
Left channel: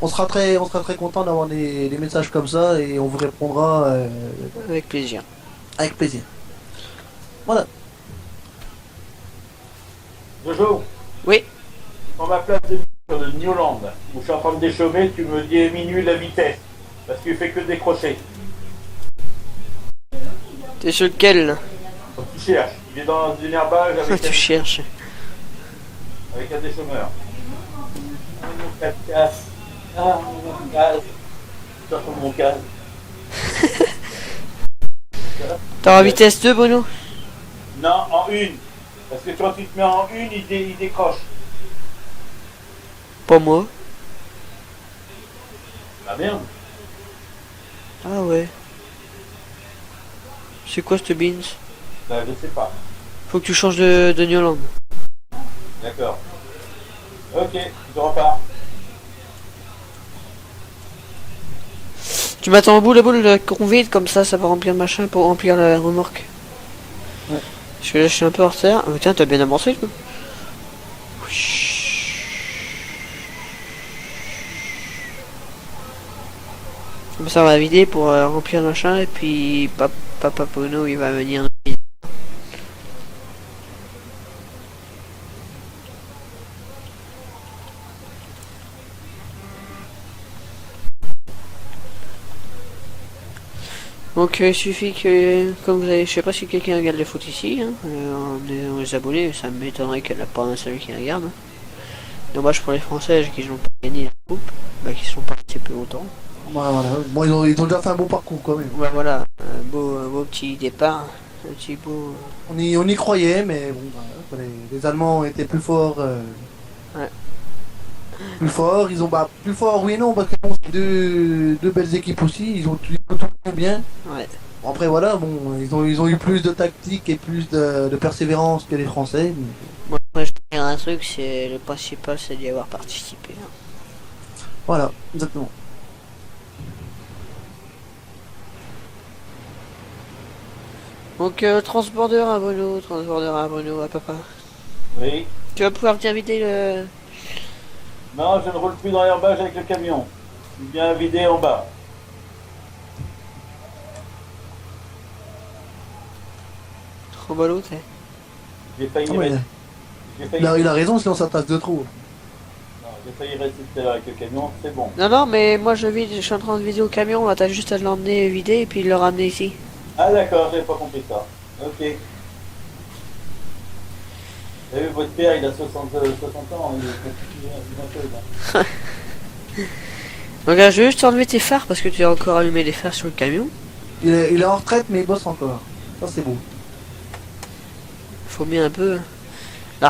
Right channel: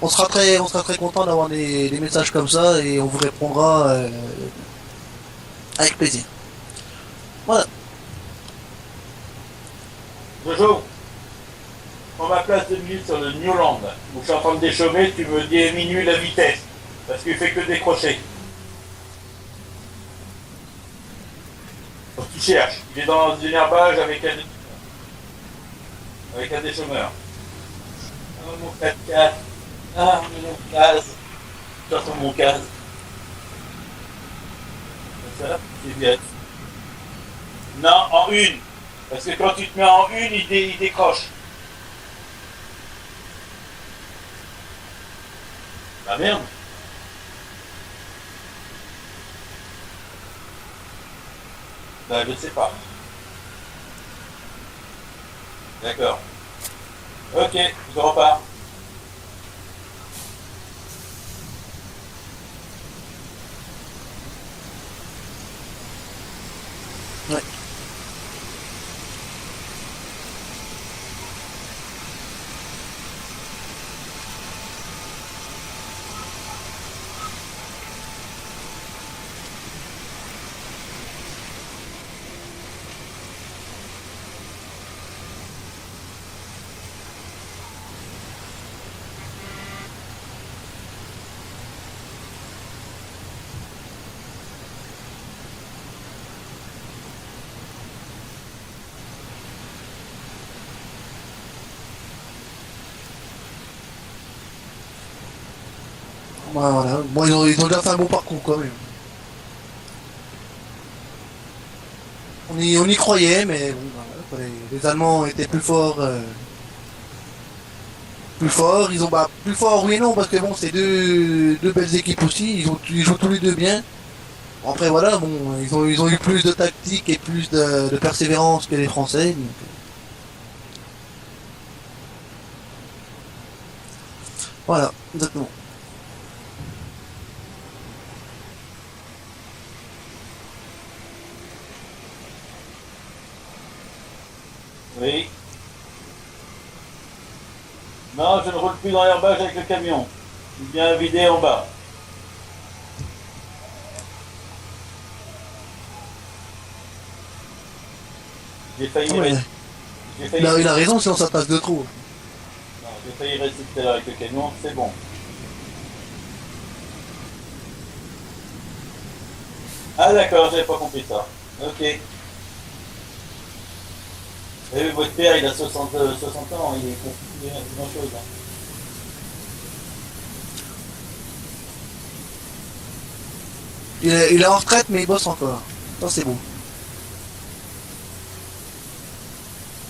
On sera très content d'avoir des messages comme ça et on vous répondra Avec plaisir. avec plaisir. Voilà. Jojo. Oui. Prends ma place 2 minutes sur le Newland, où je suis en train de déchaumer, tu me diminues la vitesse. Parce qu'il fait que décrocher. T'es sur lequel là? Tu cherches. Il est dans une herbage Tu cherches. avec un déchaumeur. Ah mon 4x4. Ah mon gaz. Ça sur mon gaz. T'as en vitesse 2, Bruno? Non, en une. Parce que quand tu te mets en une, il décroche. Pas moi. Bah merde. Ah ouais. C'est quoi ce beans? Bah je sais pas. Faut que tu changes de Newland. D'accord. Ok, je repars. Tu m'attends au bout la boule qu'on vide, comme ça va remplir le machin pour remplir la remorque. Ouais. Parce que là je suis un peu en retard. Ah, tiens, t'as bien avancé toi. Comme ça on va vider pour remplir le machin et puis Papa Pono il va venir. Donc il suffit que, comme vous avez, je sais pas si quelqu'un regarde le foot ici, hein, les abonnés, ça m'étonnerait qu'il n'y en a pas un seul qui regarde. Dommage pour les Français qui n'ont pas gagné la coupe, bah, qui sont partis plus longtemps. Ouais, voilà. Bon, ils ont déjà fait un bon parcours quand même. Ouais, voilà, beau petit départ, un petit beau. On y croyait, mais bon, bah, les Allemands étaient plus forts. Ouais. Plus forts, ils ont bah, plus forts, oui et non, parce que bon, c'est deux belles équipes aussi, ils jouent tous les deux bien. Ouais. Bon, après voilà, bon, ils ont eu plus de tactique et plus de persévérance que les Français. Donc, Moi, je peux dire un truc, c'est le principal, c'est d'y avoir participé. voilà, exactement. Donc transborder à Bruno, à papa. Oui. Tu vas pouvoir bien vider le. Non, je ne roule plus dans l'herbage avec le camion. Il vient vider en bas. Trop ballot, tu sais. J'ai failli, Ah ouais, j'ai failli, il a raison, sinon ça passe de trop. non, j'ai failli rester tout à l'heure avec le camion, c'est bon. Non, non, mais moi je vide, je suis en train de vider au camion, t'as juste à l'emmener vider et puis le ramener ici. Ah d'accord, j'avais pas compris ça. Ok. Vous savez, votre père, il a 60 ans, il est grand-chose. Hein. Donc là, je vais juste enlever tes phares parce que tu as encore allumé les phares sur le camion. Il est en retraite, mais il bosse encore. Ça, c'est bon. Faut bien un peu. La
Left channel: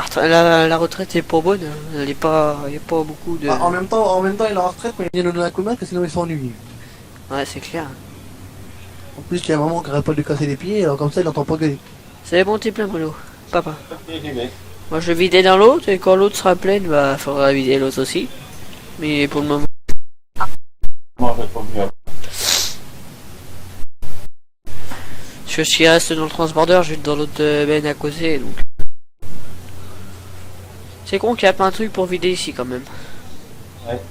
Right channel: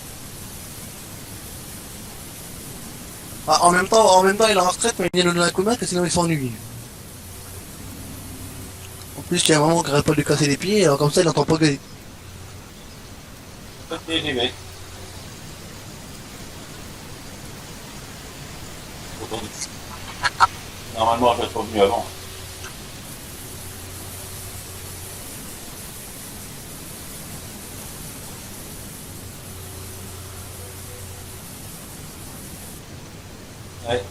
retraite est pas bonne, hein. Il y a pas beaucoup de. Ah, en même temps, il est en retraite, mais il vient de la commun, que sinon il s'ennuie. Ouais, c'est clair. En plus, il y a un moment qui arrête pas de lui casser les pieds, alors comme ça, il entend pas gueuler. C'est bon, t'es plein, Bruno. Papa. Ok, j'y vais. Moi, je vais vider dans l'autre et quand l'autre sera pleine, bah, faudra vider l'autre aussi. Mais pour le moment. Normalement, je serai venu avant. Parce que s'il reste dans le transborder, je vais dans l'autre benne à causer. Donc. C'est con qu'il y a plein de trucs pour vider ici quand même. Ouais.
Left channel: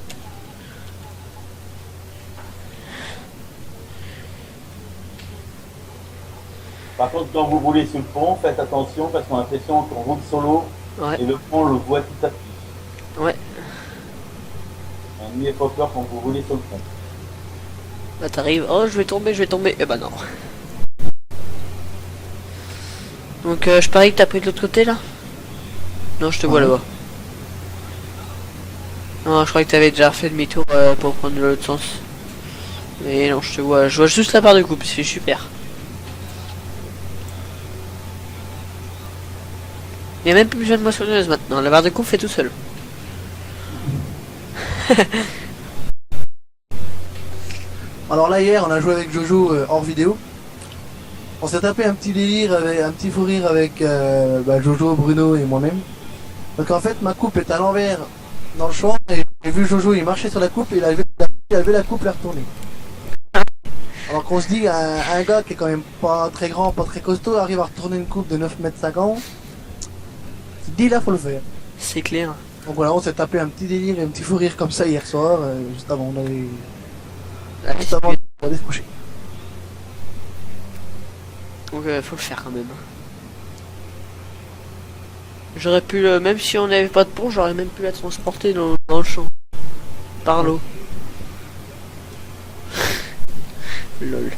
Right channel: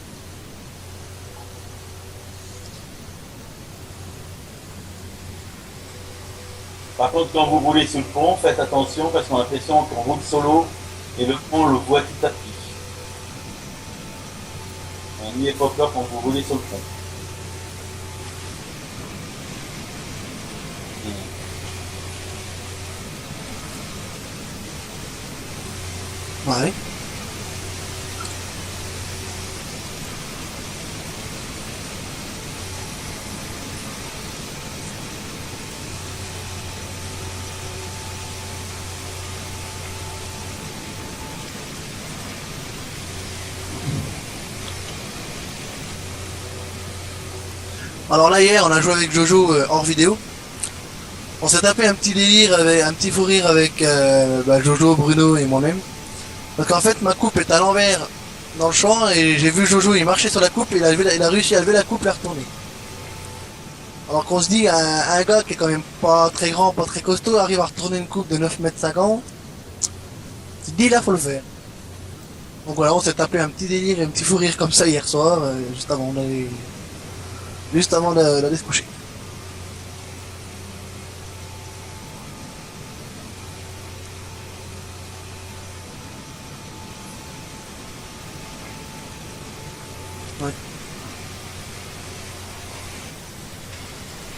Par contre, quand vous roulez sous le pont, faites attention parce qu'on a l'impression qu'on roule sur l'eau Ouais. et le pont, on le voit petit à petit. Ouais. N'ayez pas peur quand vous roulez sur le pont. Là t'arrives. Oh, je vais tomber. Eh bah non. Donc je parie que t'as pris de l'autre côté là. Non, je te vois Ouais. là-bas. Non, je crois que t'avais déjà fait demi-tour pour prendre l'autre sens. Mais non, je vois juste la barre de coupe, c'est super. Il n'y a même plus besoin de moissonneuse maintenant, la barre de coupe fait tout seul. Alors là, hier, on a joué avec Jojo hors vidéo. On s'est tapé un petit délire, un petit fou rire avec Jojo, Bruno et moi-même. Parce qu'en fait, ma coupe est à l'envers dans le champ et j'ai vu Jojo, il marchait sur la coupe et il a réussi à lever la coupe et la retourner. Alors qu'on se dit, un gars qui est quand même pas très grand, pas très costaud, arrive à retourner une coupe de 9,50 m. Tu te dis, là, faut le faire. C'est clair. Donc voilà, on s'est tapé un petit délire, un petit fou rire comme ça hier soir, juste avant d'aller se coucher. Donc faut le faire quand même. J'aurais pu, même si on n'avait pas de pont, j'aurais même pu la transporter dans le champ. Par l'eau. Lol.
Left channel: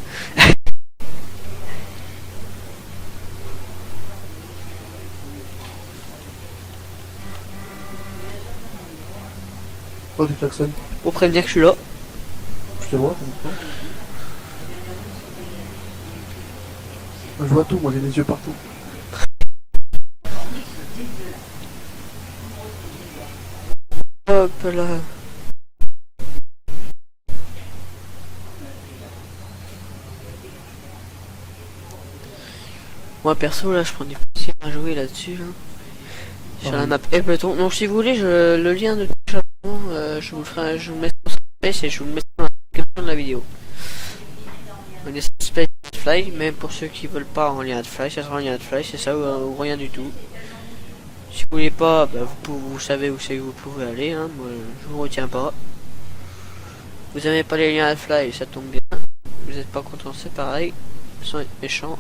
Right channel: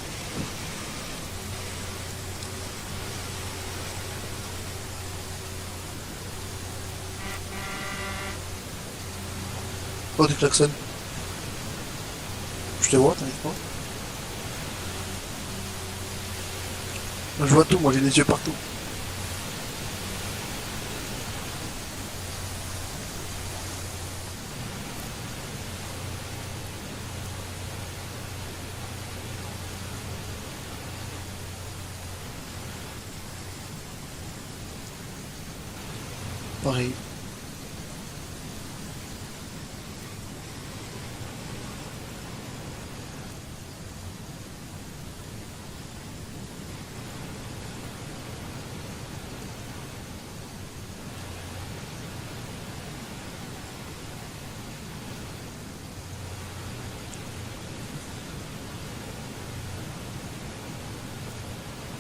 Oh, du klaxon. Pour prévenir que je suis là. Je te vois, t'inquiète pas. Je vois tout, moi j'ai des yeux partout. Hop là. Moi perso là je prends du plaisir à jouer là-dessus. Là. Sur la Pareil. map Ableton. Donc si vous voulez le lien de téléchargement je vous le mets sur Space et je vous le mets dans la description de la vidéo. On est Space Fly, mais pour ceux qui veulent pas en lien de Fly, ça sera en lien de Fly, c'est ça ou rien du tout. Si vous voulez pas, bah, vous savez où c'est que vous pouvez aller, hein, moi, je vous retiens pas. Vous aimez pas les liens à Fly, ça tombe bien. Vous n'êtes pas content, c'est pareil. Sans être méchant.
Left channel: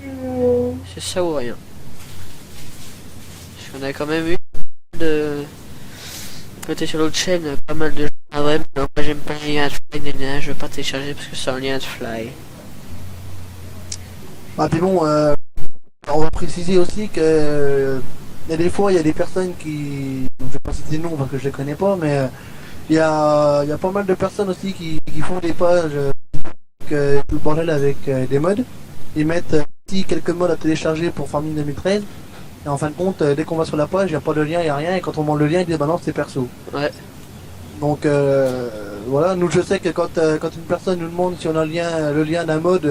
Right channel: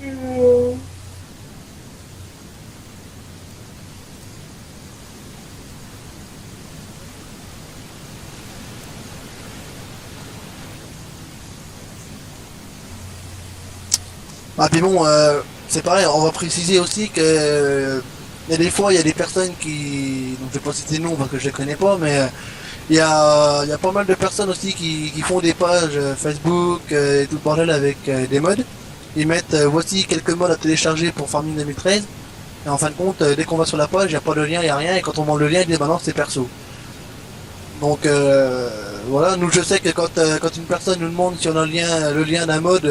C'est ça ou rien. Parce qu'on a quand même eu J'étais sur l'autre chaîne, pas mal de gens. Ah ouais, mais non, moi j'aime pas les liens de fly, je veux pas télécharger parce que c'est un lien de fly. Ah puis bon, c'est pareil, on va préciser aussi que il y a des fois, il y a des personnes qui, donc je vais pas citer de nom parce que je les connais pas, mais il y a pas mal de personnes aussi qui font des pages Facebook et tout le bordel avec des mods. Ils mettent voici quelques mods à télécharger pour Farming 2013. Et en fin de compte, dès qu'on va sur la page, il n'y a pas de lien, il n'y a rien. Et quand on monte le lien, il dit bah non, c'est perso. Ouais. Donc voilà, nous je sais que quand une personne nous demande si on a le lien d'un mod,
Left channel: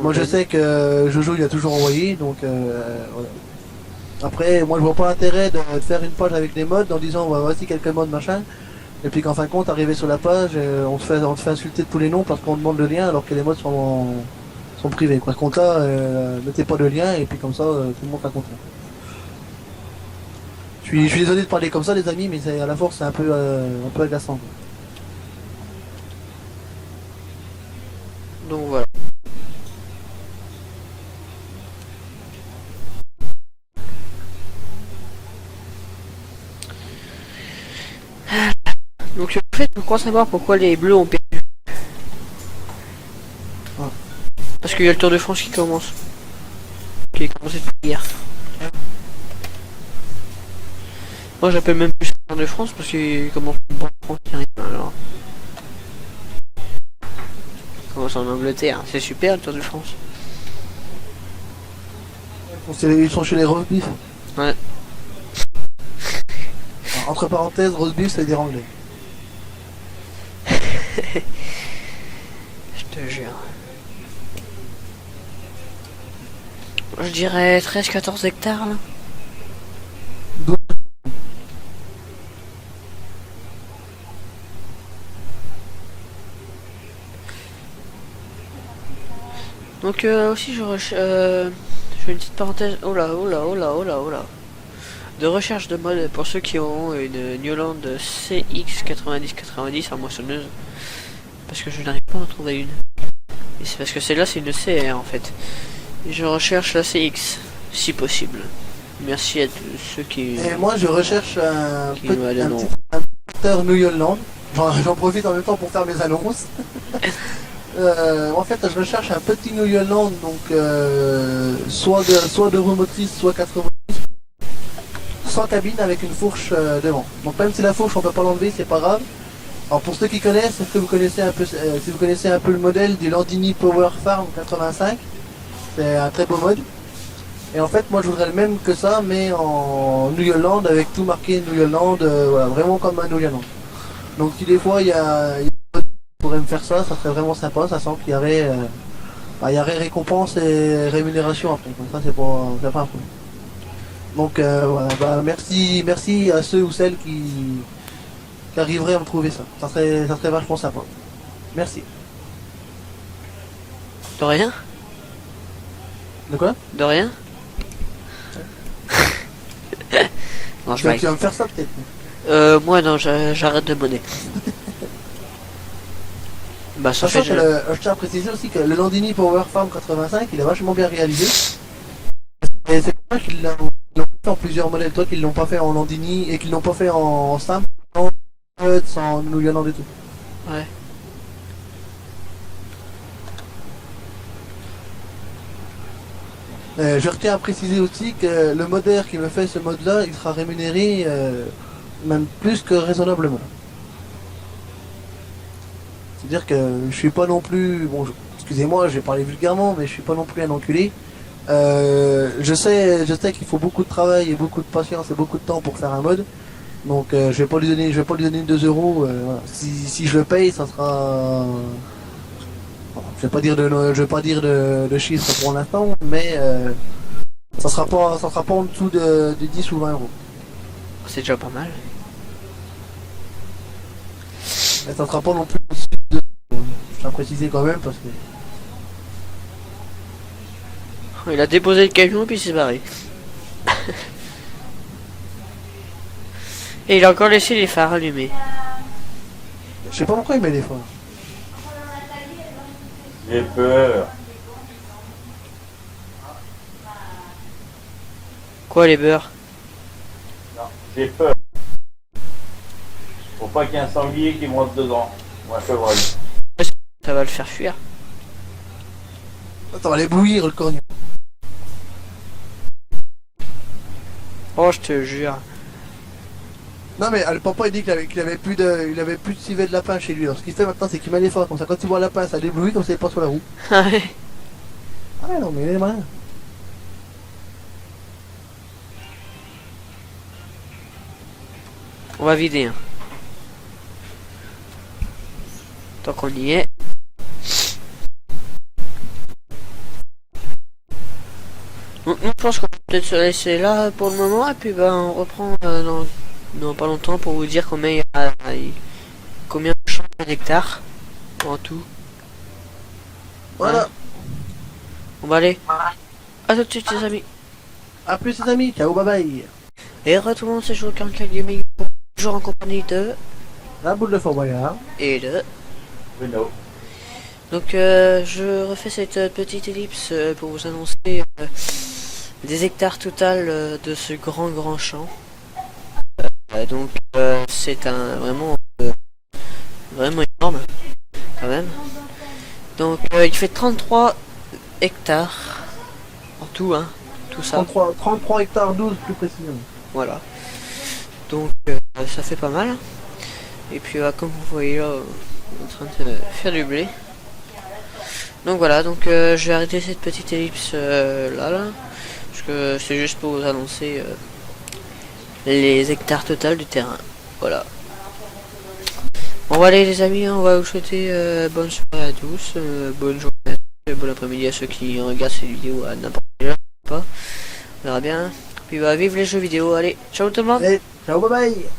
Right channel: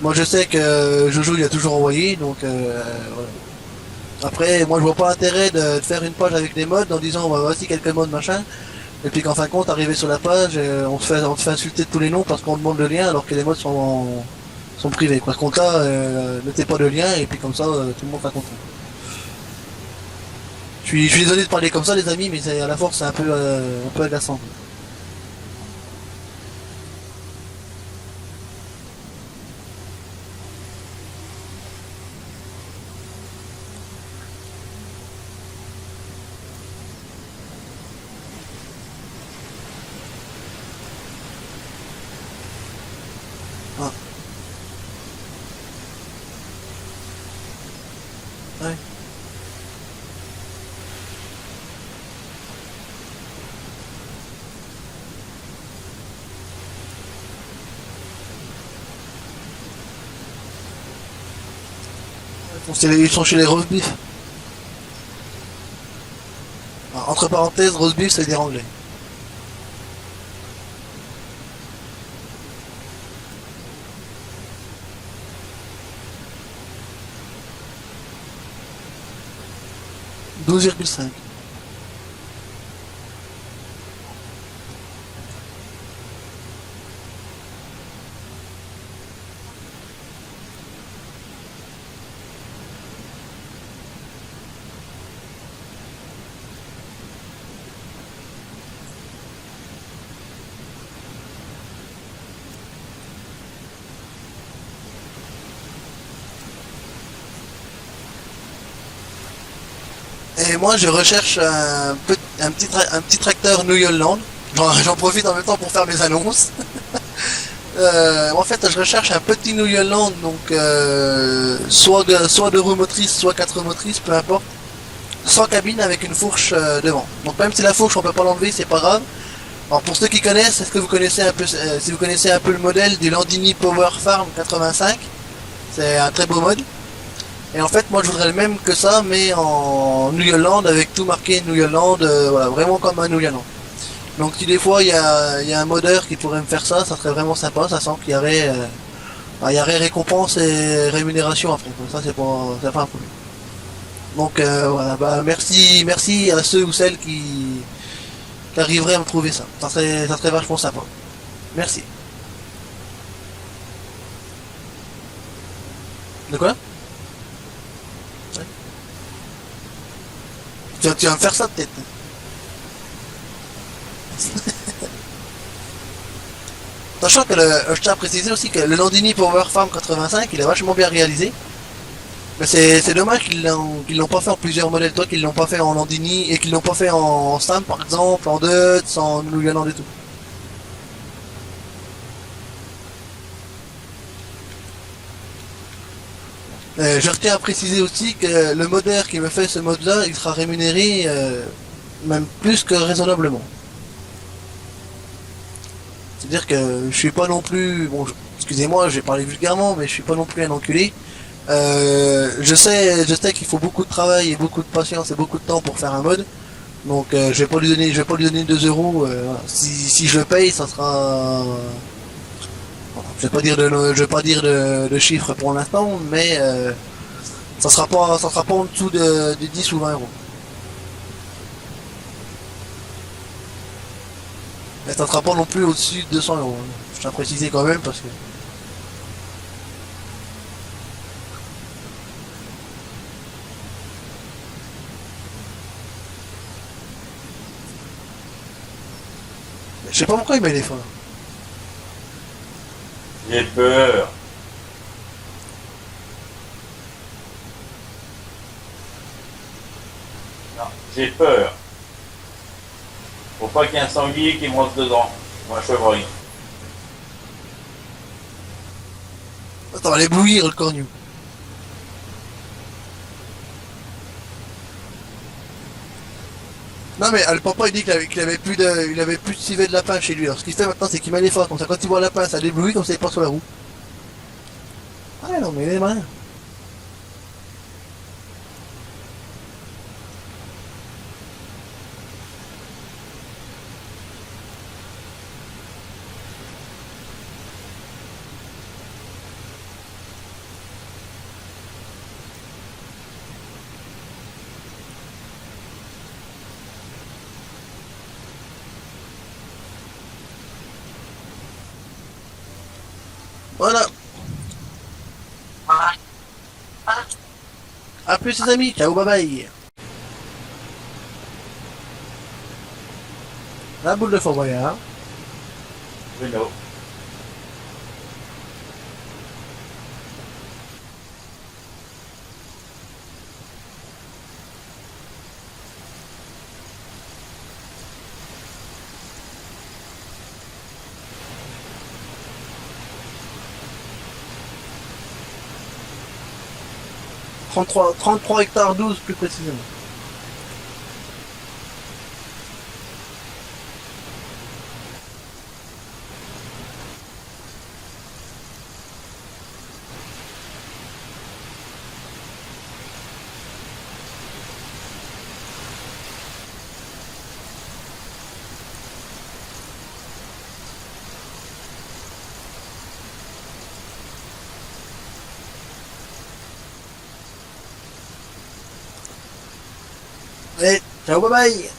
moi je sais que Jojo il a toujours envoyé, donc voilà. Après, moi je vois pas l'intérêt de faire une page avec des mods en disant bah, voici quelques mods machin, et puis qu'en fin de compte, arrivé sur la page, on se fait insulter de tous les noms parce qu'on demande le lien alors que les mods sont privés. Par contre là, mettez pas de lien et puis comme ça, tout le monde sera content. Je suis désolé de parler comme ça les amis, mais à la force c'est un peu agaçant. Donc voilà. Donc en fait, on croit savoir pourquoi les bleus ont perdu. Ah. Parce qu'il y a le Tour de France qui commence. Qui est commencé depuis hier. Ouais. Moi j'appelle même plus le Tour de France parce qu'il commence alors. Il commence en Angleterre, c'est super le Tour de France. Ils sont chez les roast beef. Ouais. Alors, entre parenthèses, roast beef ça veut dire anglais. Je te jure. Je dirais 13-14 hectares là. 12,5. Donc aussi je fais une petite parenthèse. Oh là, oh là, oh là, oh là, oh là. De recherche de mode pour ceux qui auront une Newland CX9090 en moissonneuse. Parce que je n'arrive pas à en trouver une. Et c'est parce que celle-là c'est une CR en fait. Et je recherche la CX, si possible. Merci à tous ceux qui... Et moi je recherche un petit tracteur New Holland. J'en profite en même temps pour faire mes annonces. En fait, je recherche un petit New Holland, donc soit deux roues motrices, soit quatre roues motrices, peu importe, sans cabine avec une fourche devant. Donc même si la fourche on peut pas l'enlever, c'est pas grave. Alors pour ceux qui connaissent, est-ce que vous connaissez un peu, si vous connaissez un peu le modèle du Landini Power Farm 85, c'est un très beau mode. Et en fait, moi je voudrais le même que ça, mais en New Holland avec tout marqué New Holland, voilà, vraiment comme un New Holland. Donc si des fois il y a un modeur qui pourrait me faire ça, ça serait vraiment sympa, ça sent qu'il y aurait, il y aurait récompense et rémunération après, comme ça c'est pas un problème. Donc voilà, bah, merci à ceux ou celles qui arriveraient à me trouver ça. Ça serait vachement sympa. Merci. De rien? De quoi? De rien? Non, Tu vas me faire ça peut-être. moi non, j'arrête de monnaie. Bah, ça Sachant fait, que je tiens à préciser aussi que le Landini Power Farm 85 il est vachement bien réalisé. Mais c'est dommage qu'ils l'ont pas fait en plusieurs modèles, toi qu'ils l'ont pas fait en Landini et qu'ils l'ont pas fait en Stam par exemple, en Deutz, en New Holland et tout. Ouais. Je retiens à préciser aussi que le modeur qui me fait ce mode là, il sera rémunéré même plus que raisonnablement. C'est-à-dire que je suis pas non plus, bon, excusez-moi, je vais parler vulgairement, mais je suis pas non plus un enculé. Je sais qu'il faut beaucoup de travail et beaucoup de patience et beaucoup de temps pour faire un mode. Donc je vais pas lui donner 2 euros. Voilà. Si je le paye, ça sera. Bon, je vais pas dire de chiffres pour l'instant, mais ça sera pas en dessous de 10 ou 20 euros. c'est déjà pas mal. Mais ça sera pas non plus au-dessus de 200 euros. Je tiens à préciser quand même parce que. Il a déposé le camion puis il s'est barré. Et il a encore laissé les phares allumés. Je sais pas pourquoi il met les phares. J'ai peur. Quoi les beurres? Non, j'ai peur. Faut pas qu'il y ait un sanglier qui me rentre dedans. Ou un chevreuil. Ça va le faire fuir. Ça va l'éblouir le cornu. Oh, je te jure. Non mais le papa il dit qu'il avait plus de, il avait plus de civet de lapin chez lui. Alors ce qu'il fait maintenant c'est qu'il met les phares comme ça. Quand il voit un lapin ça l'éblouit comme ça il passe sur la roue. Ah ouais. Ah ouais, non mais il est malin. On va vider. Hein. Tant qu'on y est. Donc, je pense qu'on peut peut-être se laisser là pour le moment et puis bah, on reprend dans pas longtemps pour vous dire combien de champs d'hectares en tout. Voilà. On va aller. À tout de suite les amis. A plus les amis. Ciao bye bye. Et retournons ces jours quand gaming toujours en compagnie de La boule de Fort Boyard. et de. Bruno. Donc je refais cette petite ellipse pour vous annoncer des hectares total de ce grand champ. Donc c'est vraiment énorme quand même. Donc il fait 33 hectares en tout, hein, tout ça. 33 hectares 12 plus précisément. Voilà. Donc ça fait pas mal. Et puis comme vous voyez là, on est en train de faire du blé. Donc voilà, donc je vais arrêter cette petite ellipse là, parce que c'est juste pour vous annoncer les hectares total du terrain. Voilà. Bon voilà les amis, on va vous souhaiter bonne soirée à tous, bonne journée, bon après-midi à ceux qui regardent ces vidéos à n'importe quelle heure, pas. On verra bien. Puis bah vive les jeux vidéo, allez, ciao tout le monde. Allez, ciao bye bye.